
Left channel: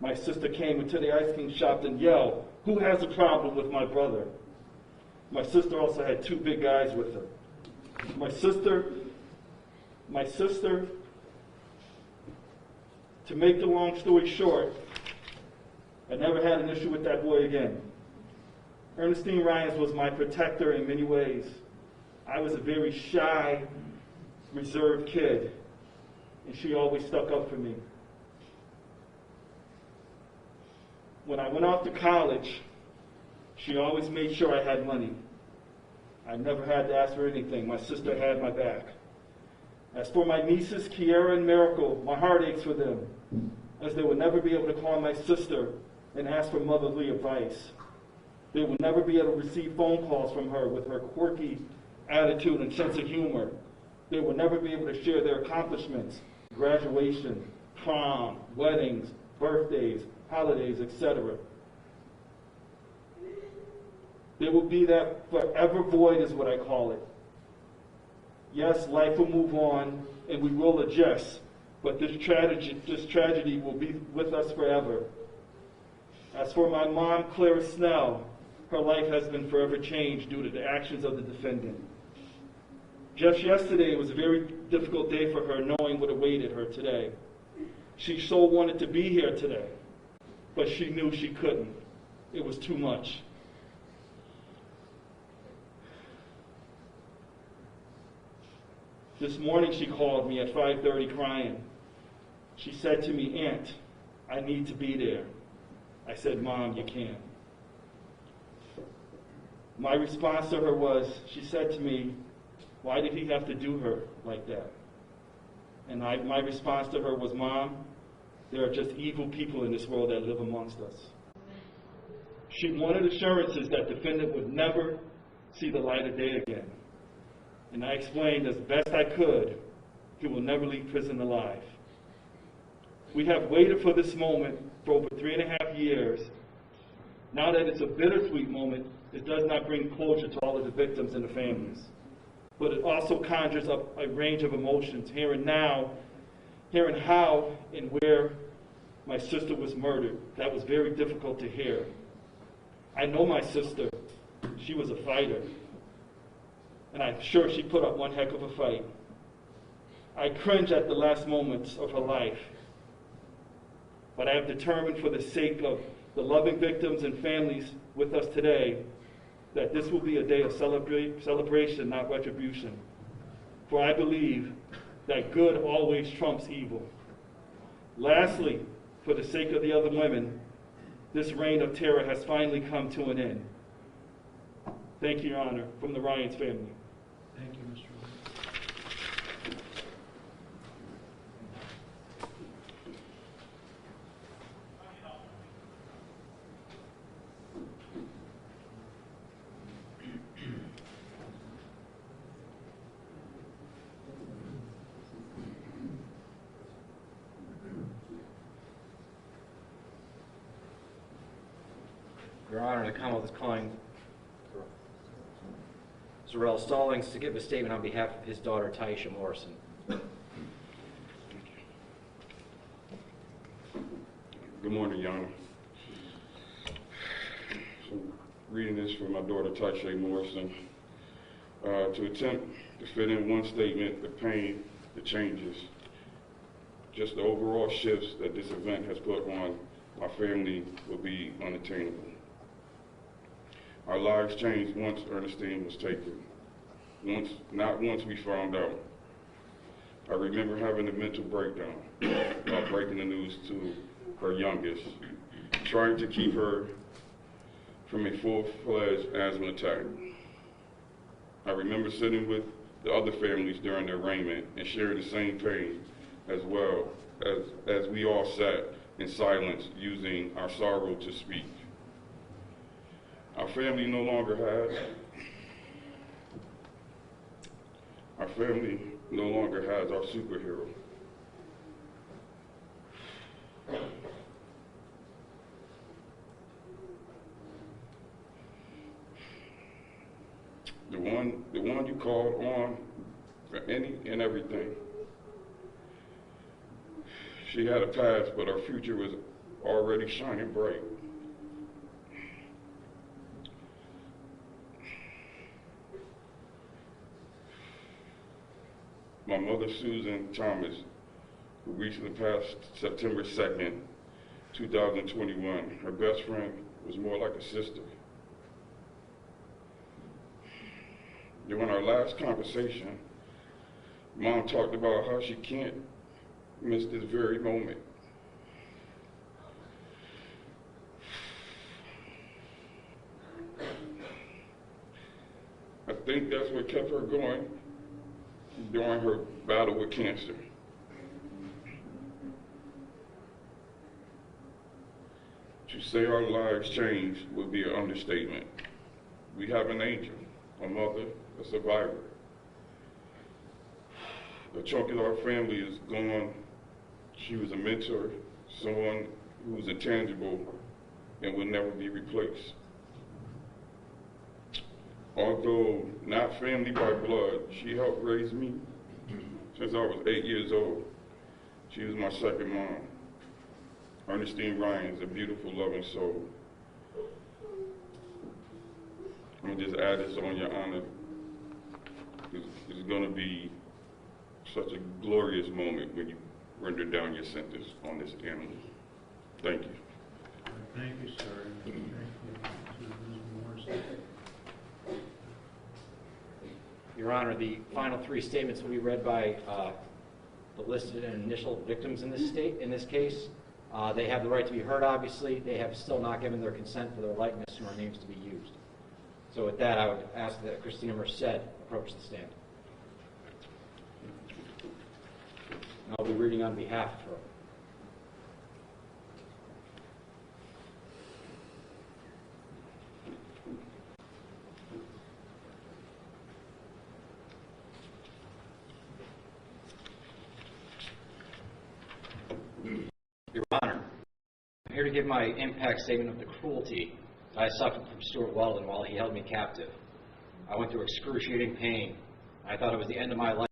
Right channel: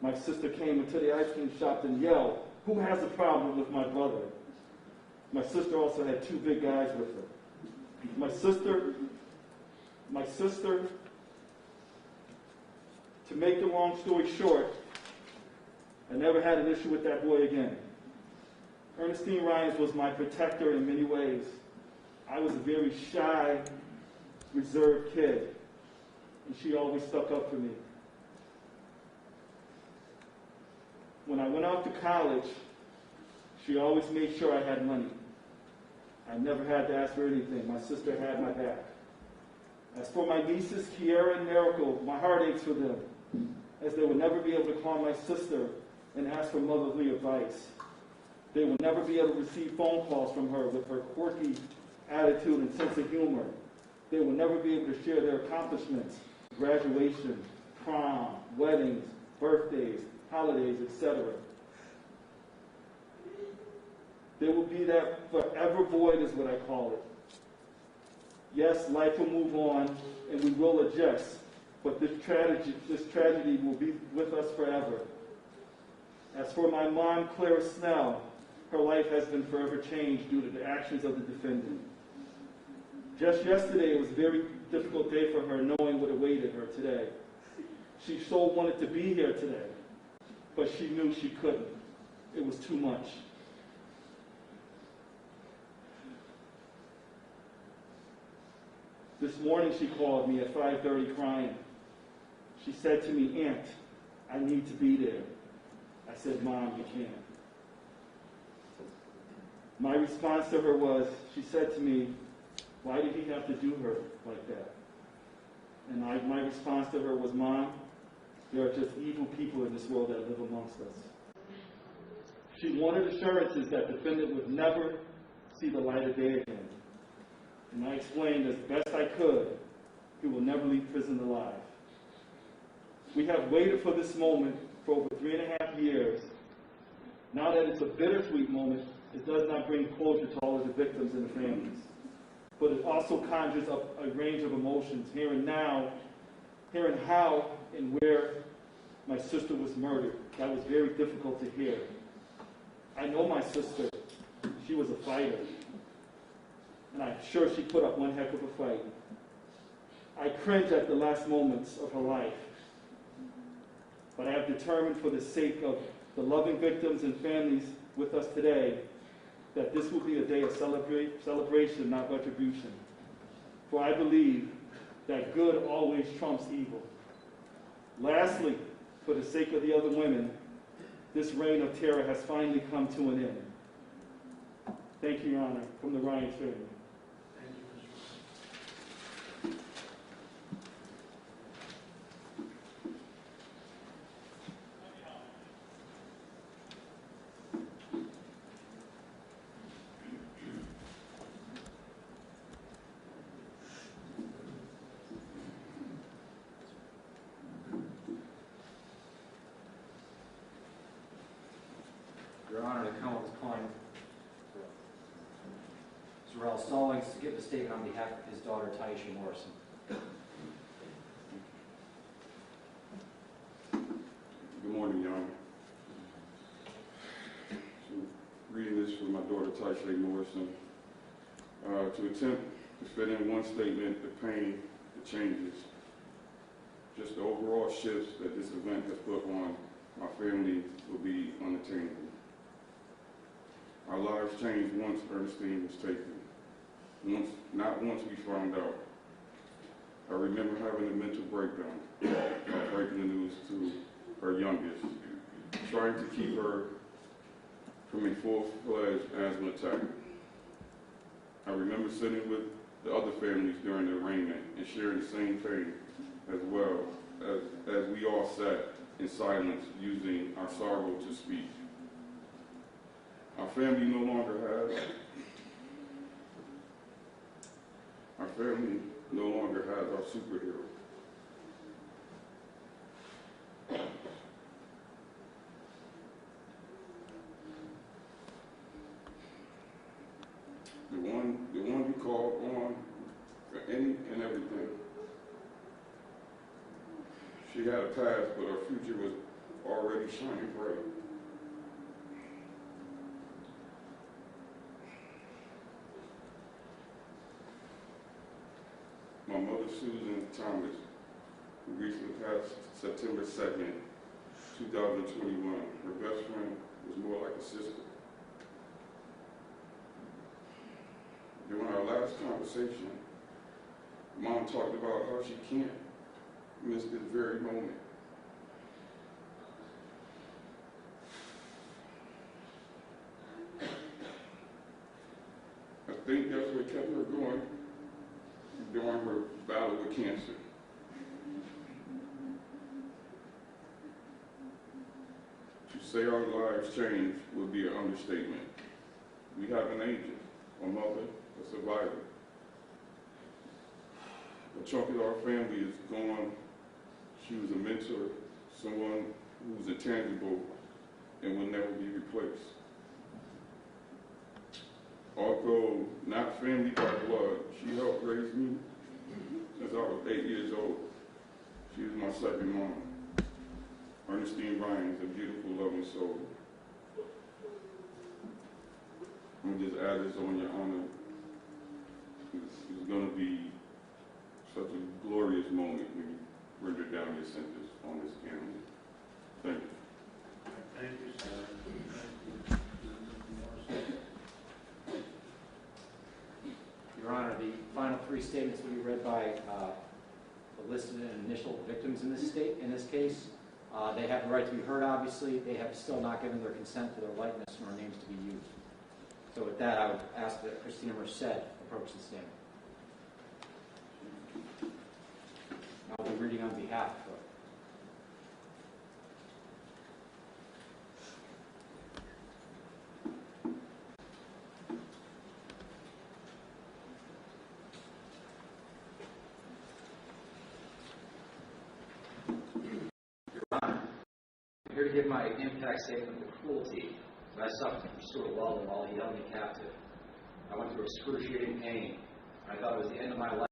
My sister came into the ice cream shop and yelled, "Who has a problem with my brother?" My sister also had two big guys with her. My sister, to make the long story short, I never had an issue with that boy again. Ernestine Ryans was my protector in many ways. I was a very shy, reserved kid, and she always stuck up for me. When I went off to college, she always made sure I had money. I never had to ask for anything. My sister had my back. As for my nieces, Kiara and Miracle, my heart aches for them, as they would never be able to call my sister and ask for motherly advice. They would never be able to receive phone calls from her with her quirky attitude and sense of humor. They would never be able to share their accomplishments, graduation, prom, weddings, birthdays, holidays, etc. There will be that forever void is what I call it. Yes, life will move on and we will adjust, but this tragedy will be with us forever. As for my mom, Clara Snell, her life has been forever changed due to the actions of the defendant. Just yesterday, it was a very difficult day for her, knowing what awaited her today. She so wanted to be here today, but she knew she couldn't. It was too much. This morning she called me at 5:30 crying. She said to me, "Aunt, I need to be there." I said, "Mom, you can't." My response to her was, she said to me, "Why did he have to do her like that?" And my response to her was, "Mom, there are just evil people in this world that live amongst us." She wanted assurances that the defendant would never see the light of day again. And I explained as best I could, he will never leave prison alive. We have waited for this moment for over 3.5 years. Now that it's a bittersweet moment, it does not bring closure to all of the victims and the families. But it also conjures up a range of emotions, hearing how and where my sister was murdered. That was very difficult to hear. I know my sister. She was a fighter. And I'm sure she put up one heck of a fight. I cringe at the last moments of her life. But I have determined, for the sake of the loving victims and families with us today, that this will be a day of celebration, not retribution. For I believe that good always trumps evil. Lastly, for the sake of the other women, this reign of terror has finally come to an end. Thank you, Your Honor, from the Ryans family. Thank you, Mr. Ryan. Your Honor, the Commonwealth is calling Zarell Stallings to give a statement on behalf of his daughter, Taisha Morrison. Good morning, Your Honor. So, reading this from my daughter, Taisha Morrison. To attempt to fit in one statement, the pain, the changes, just the overall shifts that this event has put on my family will be unattainable. Our lives changed once Ernestine was taken. Not once we found out. I remember having a mental breakdown while breaking the news to her youngest, trying to keep her from a full-fledged asthma attack. I remember sitting with the other families during the arraignment and sharing the same pain, as well as we all sat in silence, using our sorrow to speak. Our family no longer has. Our family no longer has our superhero. The one you called on for any and everything. She had a past, but her future was already shining bright. My mother, Susan Thomas, who recently passed September 2nd, 2021. Her best friend was more like a sister. During our last conversation, Mom talked about how she can't miss this very moment. I think that's what kept her going during her battle with cancer. To say our lives changed would be an understatement. We have an angel, a mother, a survivor. A chunk of our family is gone. She was a mentor, someone who was intangible and will never be replaced. Although not family by blood, she helped raise me since I was 8 years old. She was my second mom. Ernestine Ryan's a beautiful, loving soul. I'm gonna just add this on your honor. It's gonna be such a glorious moment when you render down your sentence on this animal. Thank you. Thank you, sir. Your Honor, the final three statements will be read by the listed and initial victims in this case. They have the right to be heard, obviously. They have still not given their consent for their likeness or names to be used. So with that, I would ask that Christina Merced approach the stand. I'll be reading on behalf of her. Your Honor, I'm here to give my impact statement of the cruelty that I suffered from Stewart Weldon while he held me captive. I went through excruciating pain. I thought it was the end of my life.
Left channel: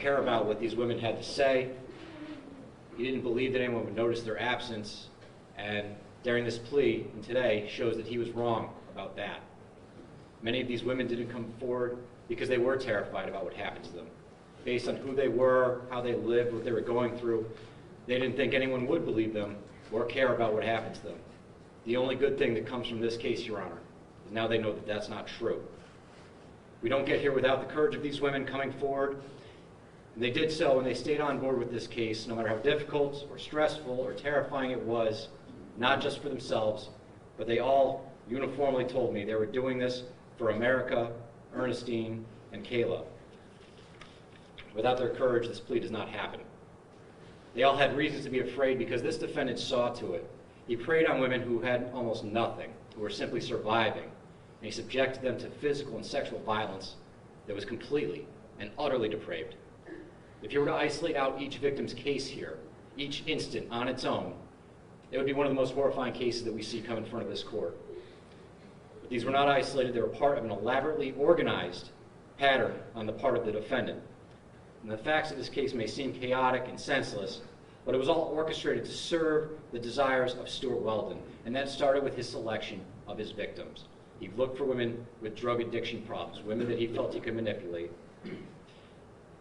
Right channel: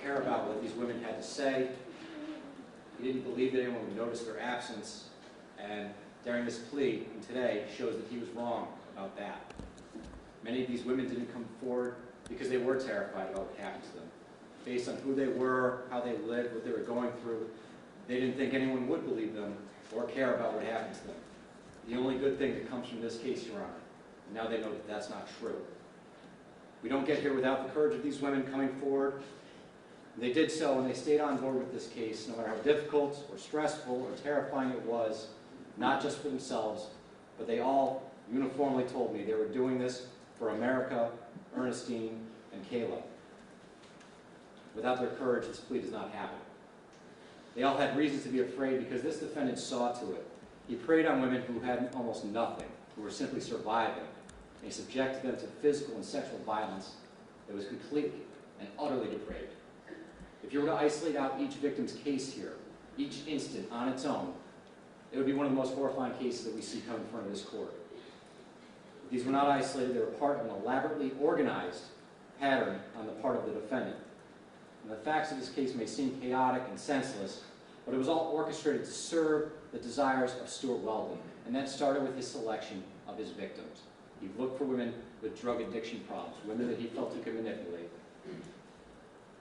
care about what these women had to say. He didn't believe that anyone would notice their absence, and during this plea, and today, shows that he was wrong about that. Many of these women didn't come forward because they were terrified about what happened to them. Based on who they were, how they lived, what they were going through, they didn't think anyone would believe them or care about what happened to them. The only good thing that comes from this case, Your Honor, is now they know that that's not true. We don't get here without the courage of these women coming forward. They did so, and they stayed on board with this case, no matter how difficult or stressful or terrifying it was, not just for themselves, but they all uniformly told me they were doing this for America, Ernestine, and Kayla. Without their courage, this plea does not happen. They all had reasons to be afraid because this defendant saw to it. He preyed on women who had almost nothing, who were simply surviving, and he subjected them to physical and sexual violence that was completely and utterly depraved. If you were to isolate out each victim's case here, each instant on its own, it would be one of the most horrifying cases that we see come in front of this court. But these were not isolated, they were part of an elaborately organized pattern on the part of the defendant. And the facts of this case may seem chaotic and senseless, but it was all orchestrated to serve the desires of Stewart Weldon, and that started with his selection of his victims. He looked for women with drug addiction problems, women that he felt he could manipulate.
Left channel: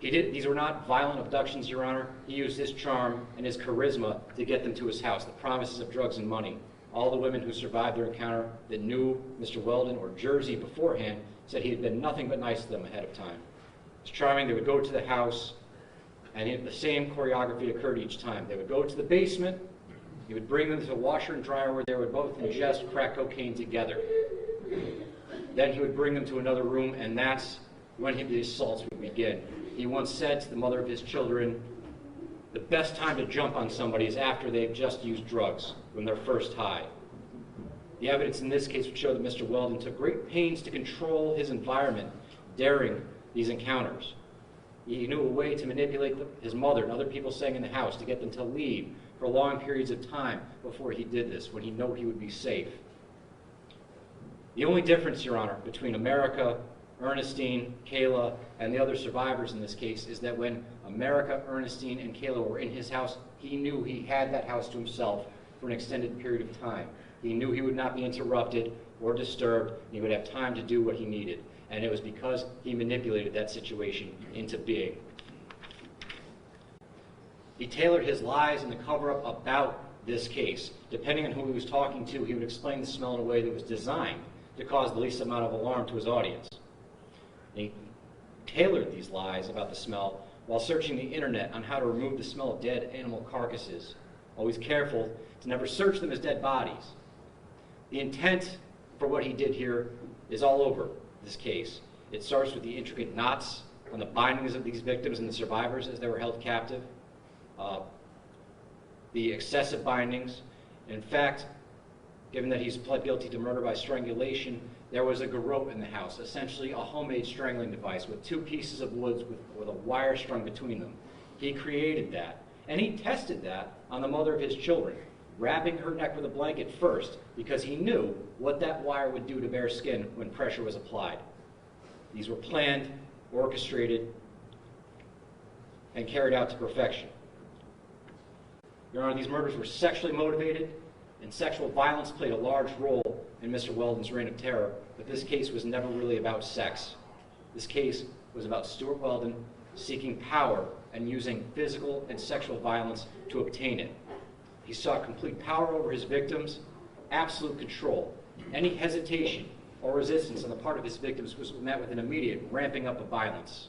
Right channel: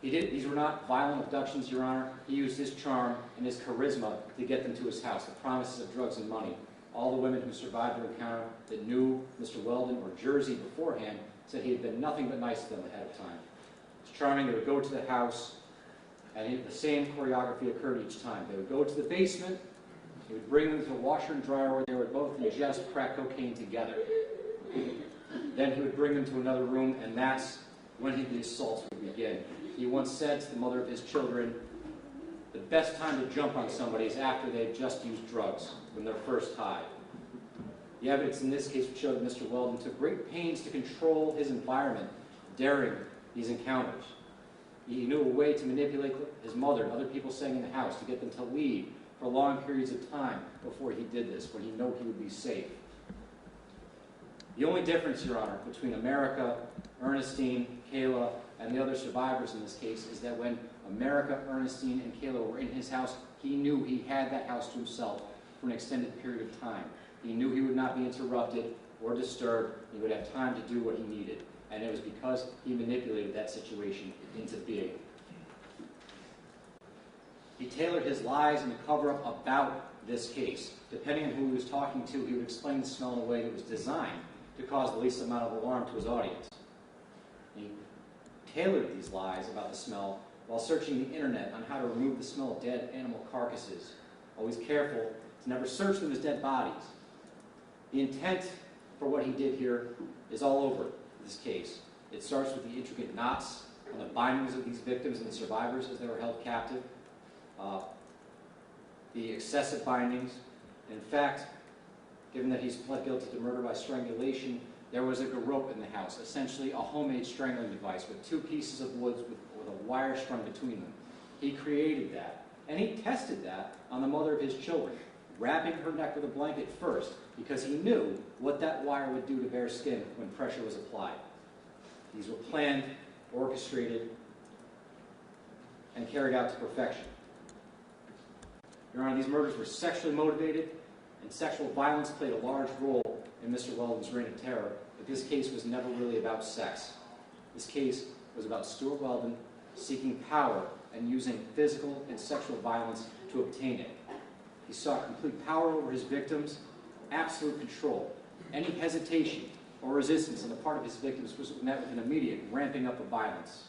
These were not violent abductions, Your Honor. He used his charm and his charisma to get them to his house, the promises of drugs and money. All the women who survived their encounter that knew Mr. Weldon or Jersey beforehand said he had been nothing but nice to them ahead of time. It was charming. They would go to the house, and the same choreography occurred each time. They would go to the basement. He would bring them to the washer and dryer where they would both ingest crack cocaine together. Then he would bring them to another room, and that's when the assaults would begin. He once said to the mother of his children, the best time to jump on somebody is after they've just used drugs, when they're first high. The evidence in this case would show that Mr. Weldon took great pains to control his environment during these encounters. He knew a way to manipulate his mother and other people staying in the house to get them to leave for long periods of time before he did this, when he knew he would be safe. The only difference, Your Honor, between America, Ernestine, Kayla, and the other survivors in this case is that when America, Ernestine, and Kayla were in his house, he knew he had that house to himself for an extended period of time. He knew he would not be interrupted or disturbed. He would have time to do what he needed. And it was because he manipulated that situation into being. He tailored his lies and the cover-up about this case. Depending on who he was talking to, he would explain the smell in a way that was designed to cause the least amount of alarm to his audience. He tailored these lies about the smell while searching the internet on how to remove the smell of dead animal carcasses, always careful to never search them as dead bodies. The intent for what he did here is all over this case. It starts with the intricate knots on the bindings of these victims and the survivors as they were held captive, the excessive bindings. In fact, given that he's pled guilty to murder by strangulation, there was a garrote in the house, essentially a homemade strangling device with two pieces of wood with a wire strung between them. He created that, and he tested that on the mother of his children, wrapping her neck with a blanket first because he knew what that wire would do to bare skin when pressure was applied. These were planned, orchestrated, and carried out to perfection. Your Honor, these murders were sexually motivated, and sexual violence played a large role in Mr. Weldon's reign of terror, but this case was never really about sex. This case was about Stewart Weldon seeking power and using physical and sexual violence to obtain it. He sought complete power over his victims, absolute control. Any hesitation or resistance on the part of his victims was met with an immediate ramping up of violence.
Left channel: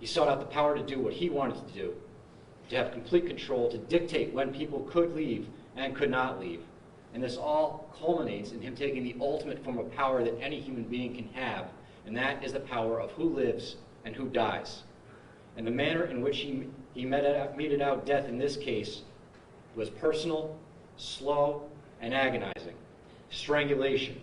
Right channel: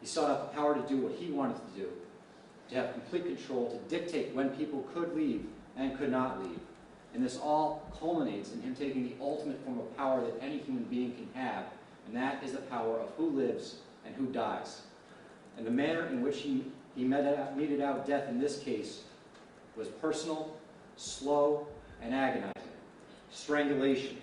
He sought out the power to do what he wanted to do, to have complete control, to dictate when people could leave and could not leave. And this all culminates in him taking the ultimate form of power that any human being can have, and that is the power of who lives and who dies. And the manner in which he meted out death in this case was personal, slow, and agonizing. Strangulation.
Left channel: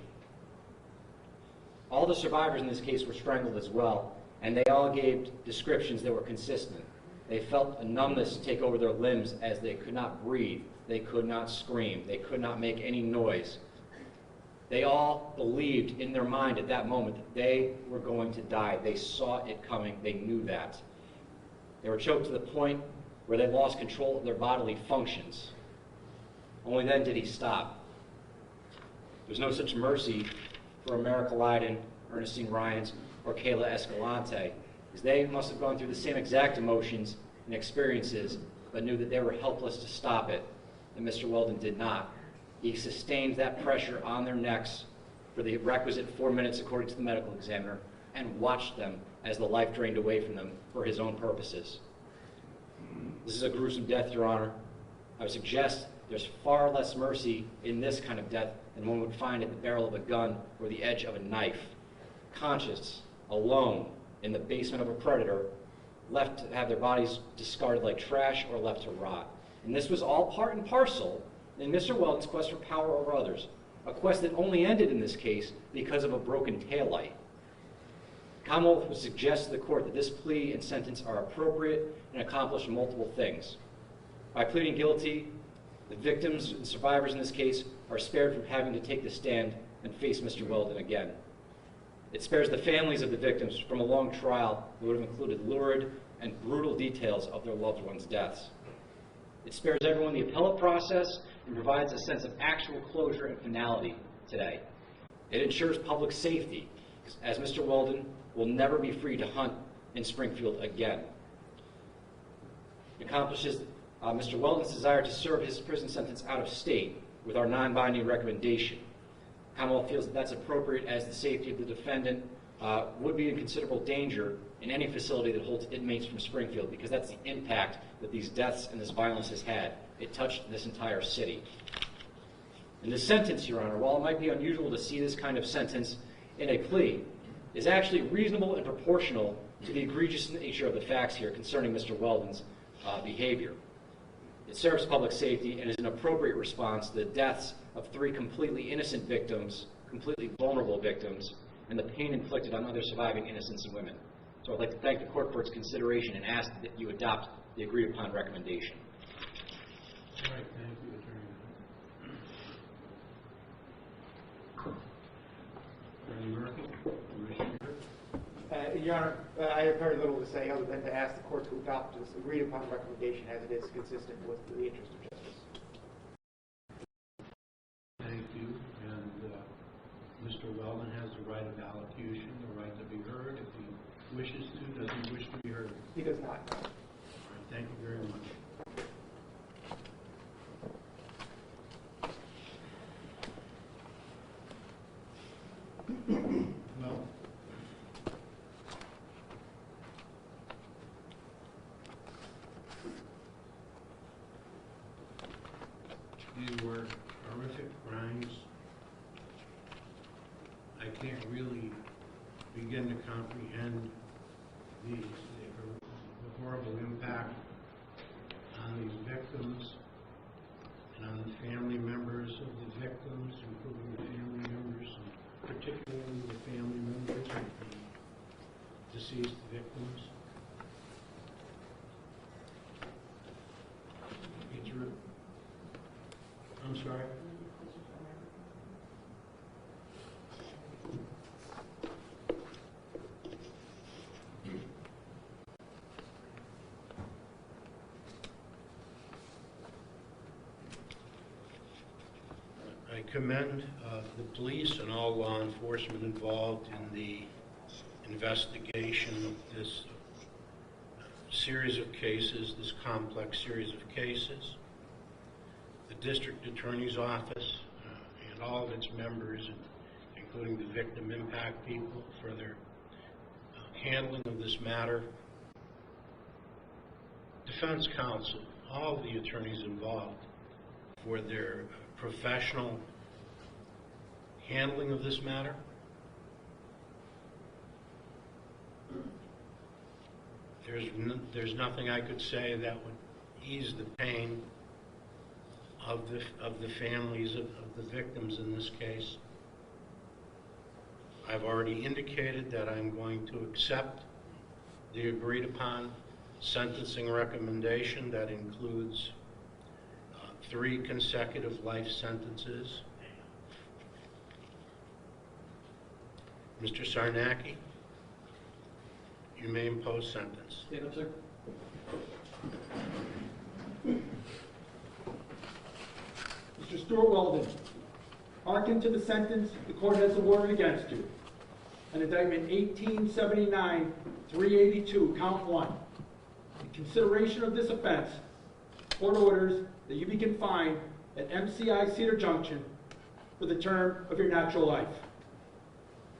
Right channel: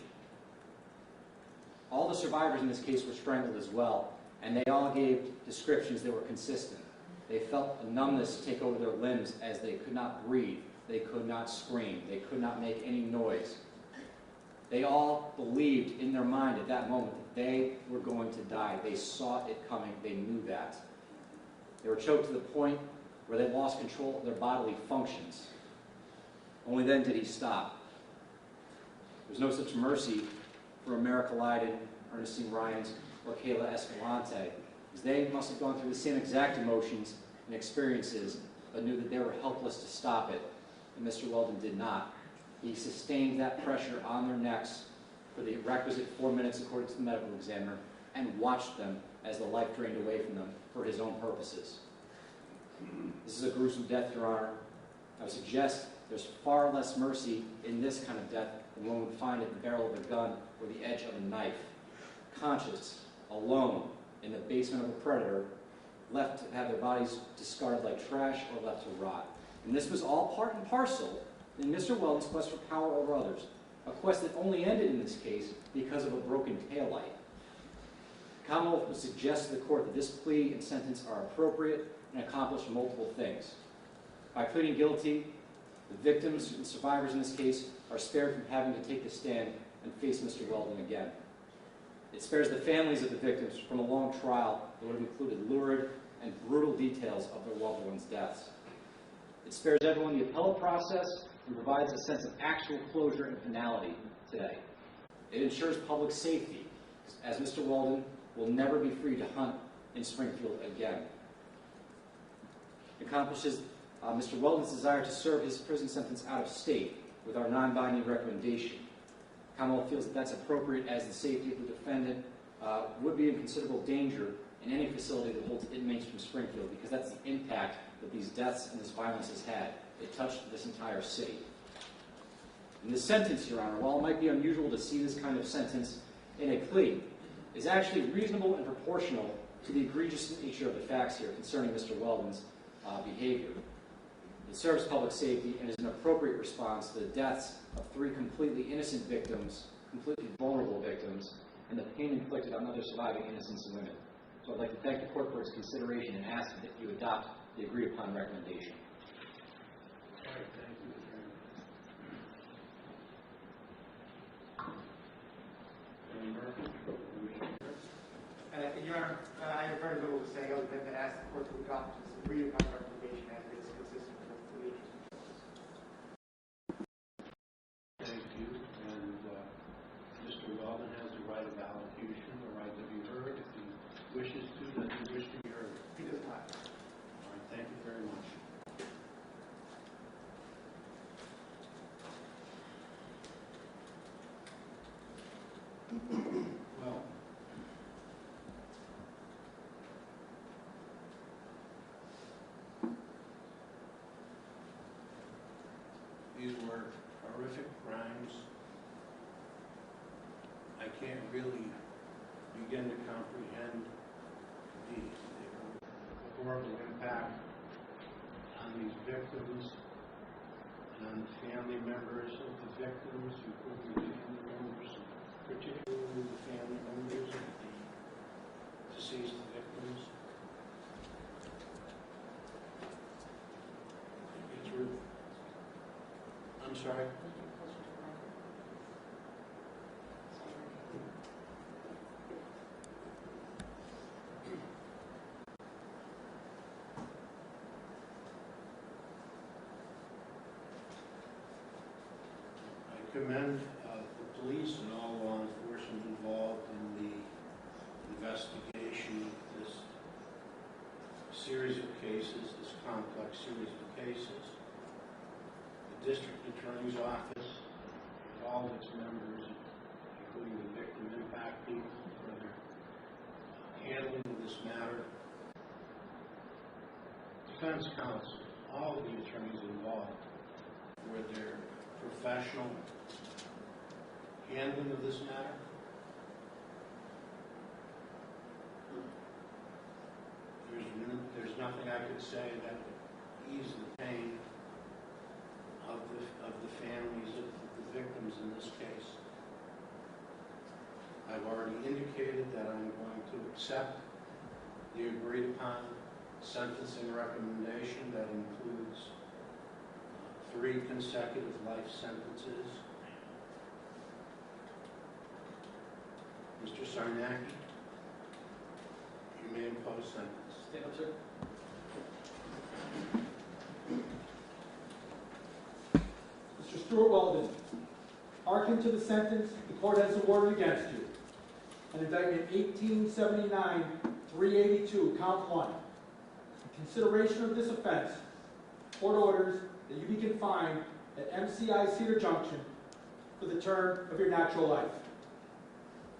All the survivors in this case were strangled as well, and they all gave descriptions that were consistent. They felt a numbness take over their limbs as they could not breathe, they could not scream, they could not make any noise. They all believed in their mind at that moment that they were going to die. They saw it coming. They knew that. They were choked to the point where they lost control of their bodily functions. Only then did he stop. There's no such mercy for America Lydon, Ernestine Ryans, or Kayla Escalante, because they must have gone through the same exact emotions and experiences, but knew that they were helpless to stop it, and Mr. Weldon did not. He sustained that pressure on their necks for the requisite 4 minutes according to the medical examiner, and watched them as the life drained away from them for his own purposes. This is a gruesome death, Your Honor. I would suggest there's far less mercy in this kind of death than one would find at the barrel of a gun or the edge of a knife. Conscious, alone, in the basement of a predator, left to have their bodies discarded like trash or left to rot. And this was all part and parcel in Mr. Weldon's quest for power over others, a quest that only ended in this case because of a broken taillight. Commonwealth would suggest to the court that this plea and sentence are appropriate and accomplish multiple things. By pleading guilty, the victims and survivors in this case are spared from having to take the stand and face Mr. Weldon again. It spares the families of the victims from a long trial that would have included lurid and brutal details of their loved ones' deaths. It spares everyone the appellate process and provides a sense of actual closure and finality today. It ensures public safety, as Mr. Weldon will never be free to hunt in Springfield again. It accomplishes Mr. Weldon's desire to serve his prison sentence out of state with our non-binding recommendation. Commonwealth feels that that's appropriate, as the safety of the defendant would be in considerable danger in any facility that holds inmates from Springfield, because that's the impact that these deaths and this violence has had. It touched this entire city. And the sentence, Your Honor, while it might be unusual to see this kind of sentence in a plea, is actually reasonable and proportional to the egregious nature of the facts here concerning Mr. Weldon's behavior. It serves public safety and is an appropriate response to the deaths of 3 completely innocent victims, completely vulnerable victims, and the pain inflicted on other surviving innocents and women. So I'd like to thank the court for its consideration and ask that you adopt the agreed upon recommendation. Your Honor, I have very little to say other than to ask the court to adopt this agreed upon recommendation as it is consistent with the interest of justice. Thank you. And Mr. Weldon has the right of allocation, the right to be heard. If he wishes to, does he wish to be heard? He does not. All right, thank you very much. Well, these were horrific crimes. I can't really begin to comprehend the horrible impact on these victims and on the family members of the victims, including the family members, and particularly the family members of the deceased victims. It's really, I'm sorry? I commend the police and all law enforcement involved in the investigation of this series of cases, this complex series of cases. The district attorney's office and all of its members, including the victim impact people, for their handling of this matter. Defense counsel, all of the attorneys involved, for their professional handling of this matter. There's nothing I could say that would ease the pain of the families of the victims in this case. I've already indicated that I'm going to accept the agreed upon sentencing recommendation that includes 3 consecutive life sentences Mr. Sarnacki, you may impose sentence. Stand up, sir. Mr. Stewart Weldon, hearken to the sentence the court has awarded against you. An indictment 1879-382, count 1. In consideration of this offense, court orders that you be confined at MCI Cedar Junction for the term of your natural life.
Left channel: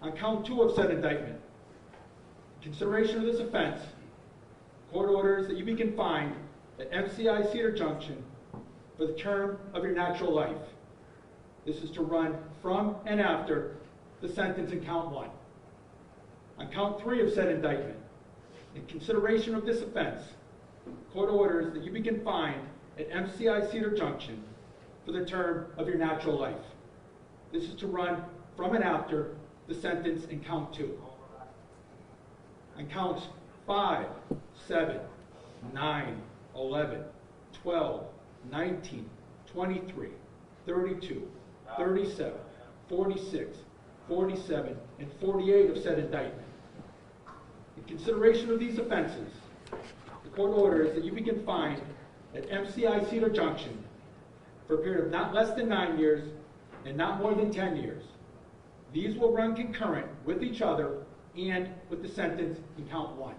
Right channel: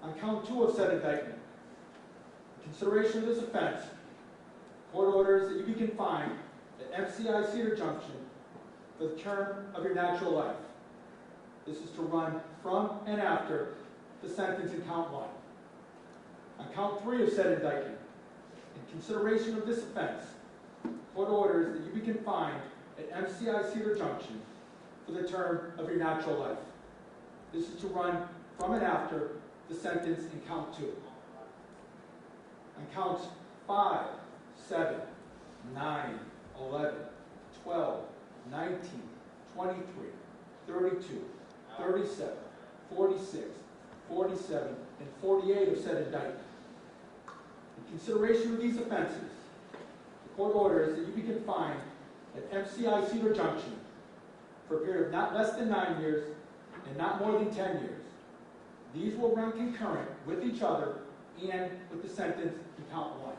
On count 2 of said indictment, in consideration of this offense, court orders that you be confined at MCI Cedar Junction for the term of your natural life. This is to run from and after the sentence in count 1. On count 3 of said indictment, in consideration of this offense, court orders that you be confined at MCI Cedar Junction for the term of your natural life. This is to run from and after the sentence in count 2. On counts 5, 7, 9, 11, 12, 19, 23, 32, 37, 46, 47, and 48 of said indictment. In consideration of these offenses, the court orders that you be confined at MCI Cedar Junction for a period of not less than 9 years and not more than 10 years. These will run concurrent with each other and with the sentence in count 1.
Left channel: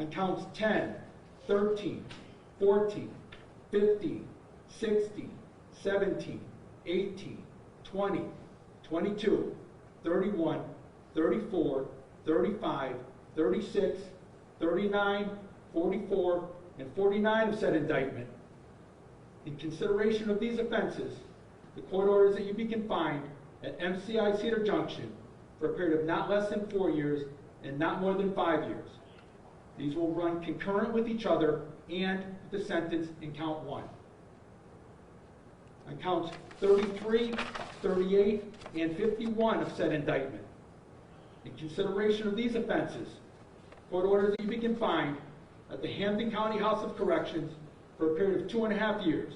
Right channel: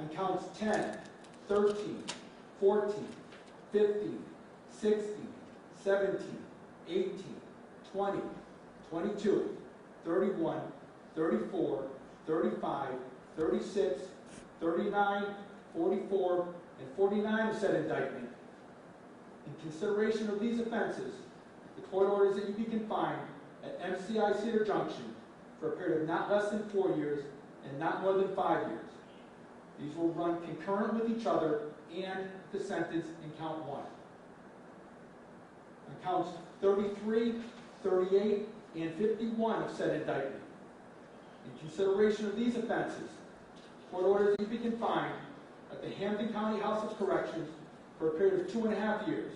On counts 10, 13, 14, 15, 16, 17, 18, 20, 22, 31, 34, 35, 36, 39, 44, and 49 of said indictment. In consideration of these offenses, the court orders that you be confined at MCI Cedar Junction for a period of not less than 4 years and not more than 5 years. These will run concurrent with each other and the sentence in count 1. On counts 33, 38, and 51 of said indictment, in consideration of these offenses, court orders that you be confined at the Hampden County House of Corrections for a period of 2.5 years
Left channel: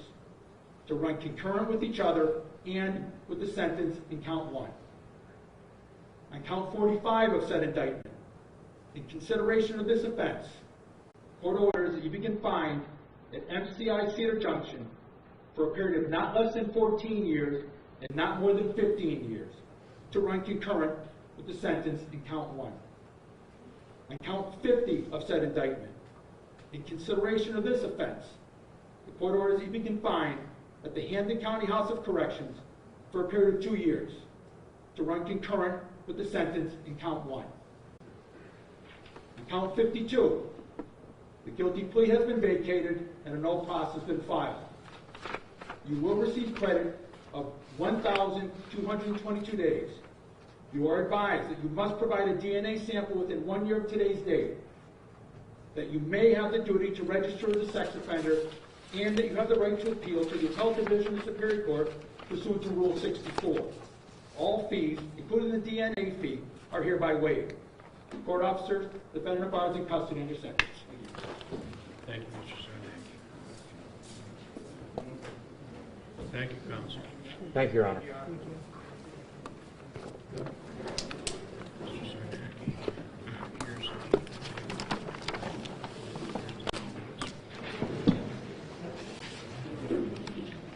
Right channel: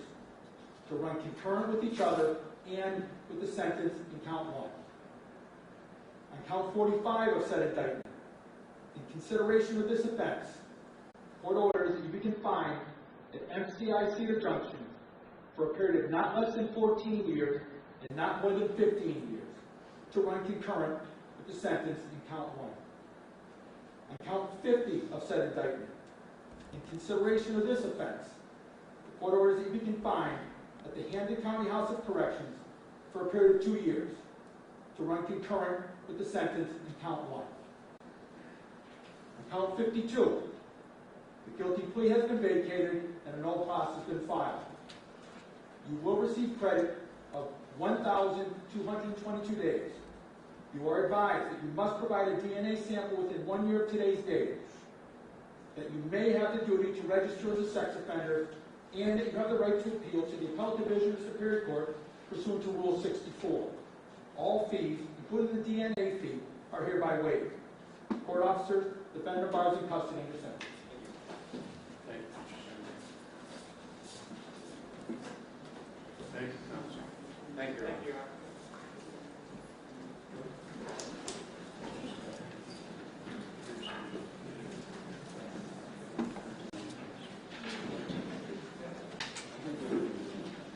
to run concurrent with each other and with the sentence in count 1. On count 45 of said indictment, in consideration of this offense, court orders that you be confined at MCI Cedar Junction for a period of not less than 14 years and not more than 15 years to run concurrent with the sentence in count 1. On count 50 of said indictment, in consideration of this offense, the court orders that you be confined at the Hampden County House of Corrections for a period of 2 years to run concurrent with the sentence in count 1. On count 52, the guilty plea has been vacated and a no process has been filed. You will receive credit of 1,222 days. You are advised that you must provide a DNA sample within 1 year of today's date, that you may have the duty to register as a sex offender, and that you have the right to appeal to the Appellate Division of the Superior Court pursuant to Rule 64. All fees, including the DNA fee, are hereby waived. Court officers, defendant abides in custody under sentence. Thank you, Mr. Sarnacki. Thank you, counsel. Thank you, Your Honor.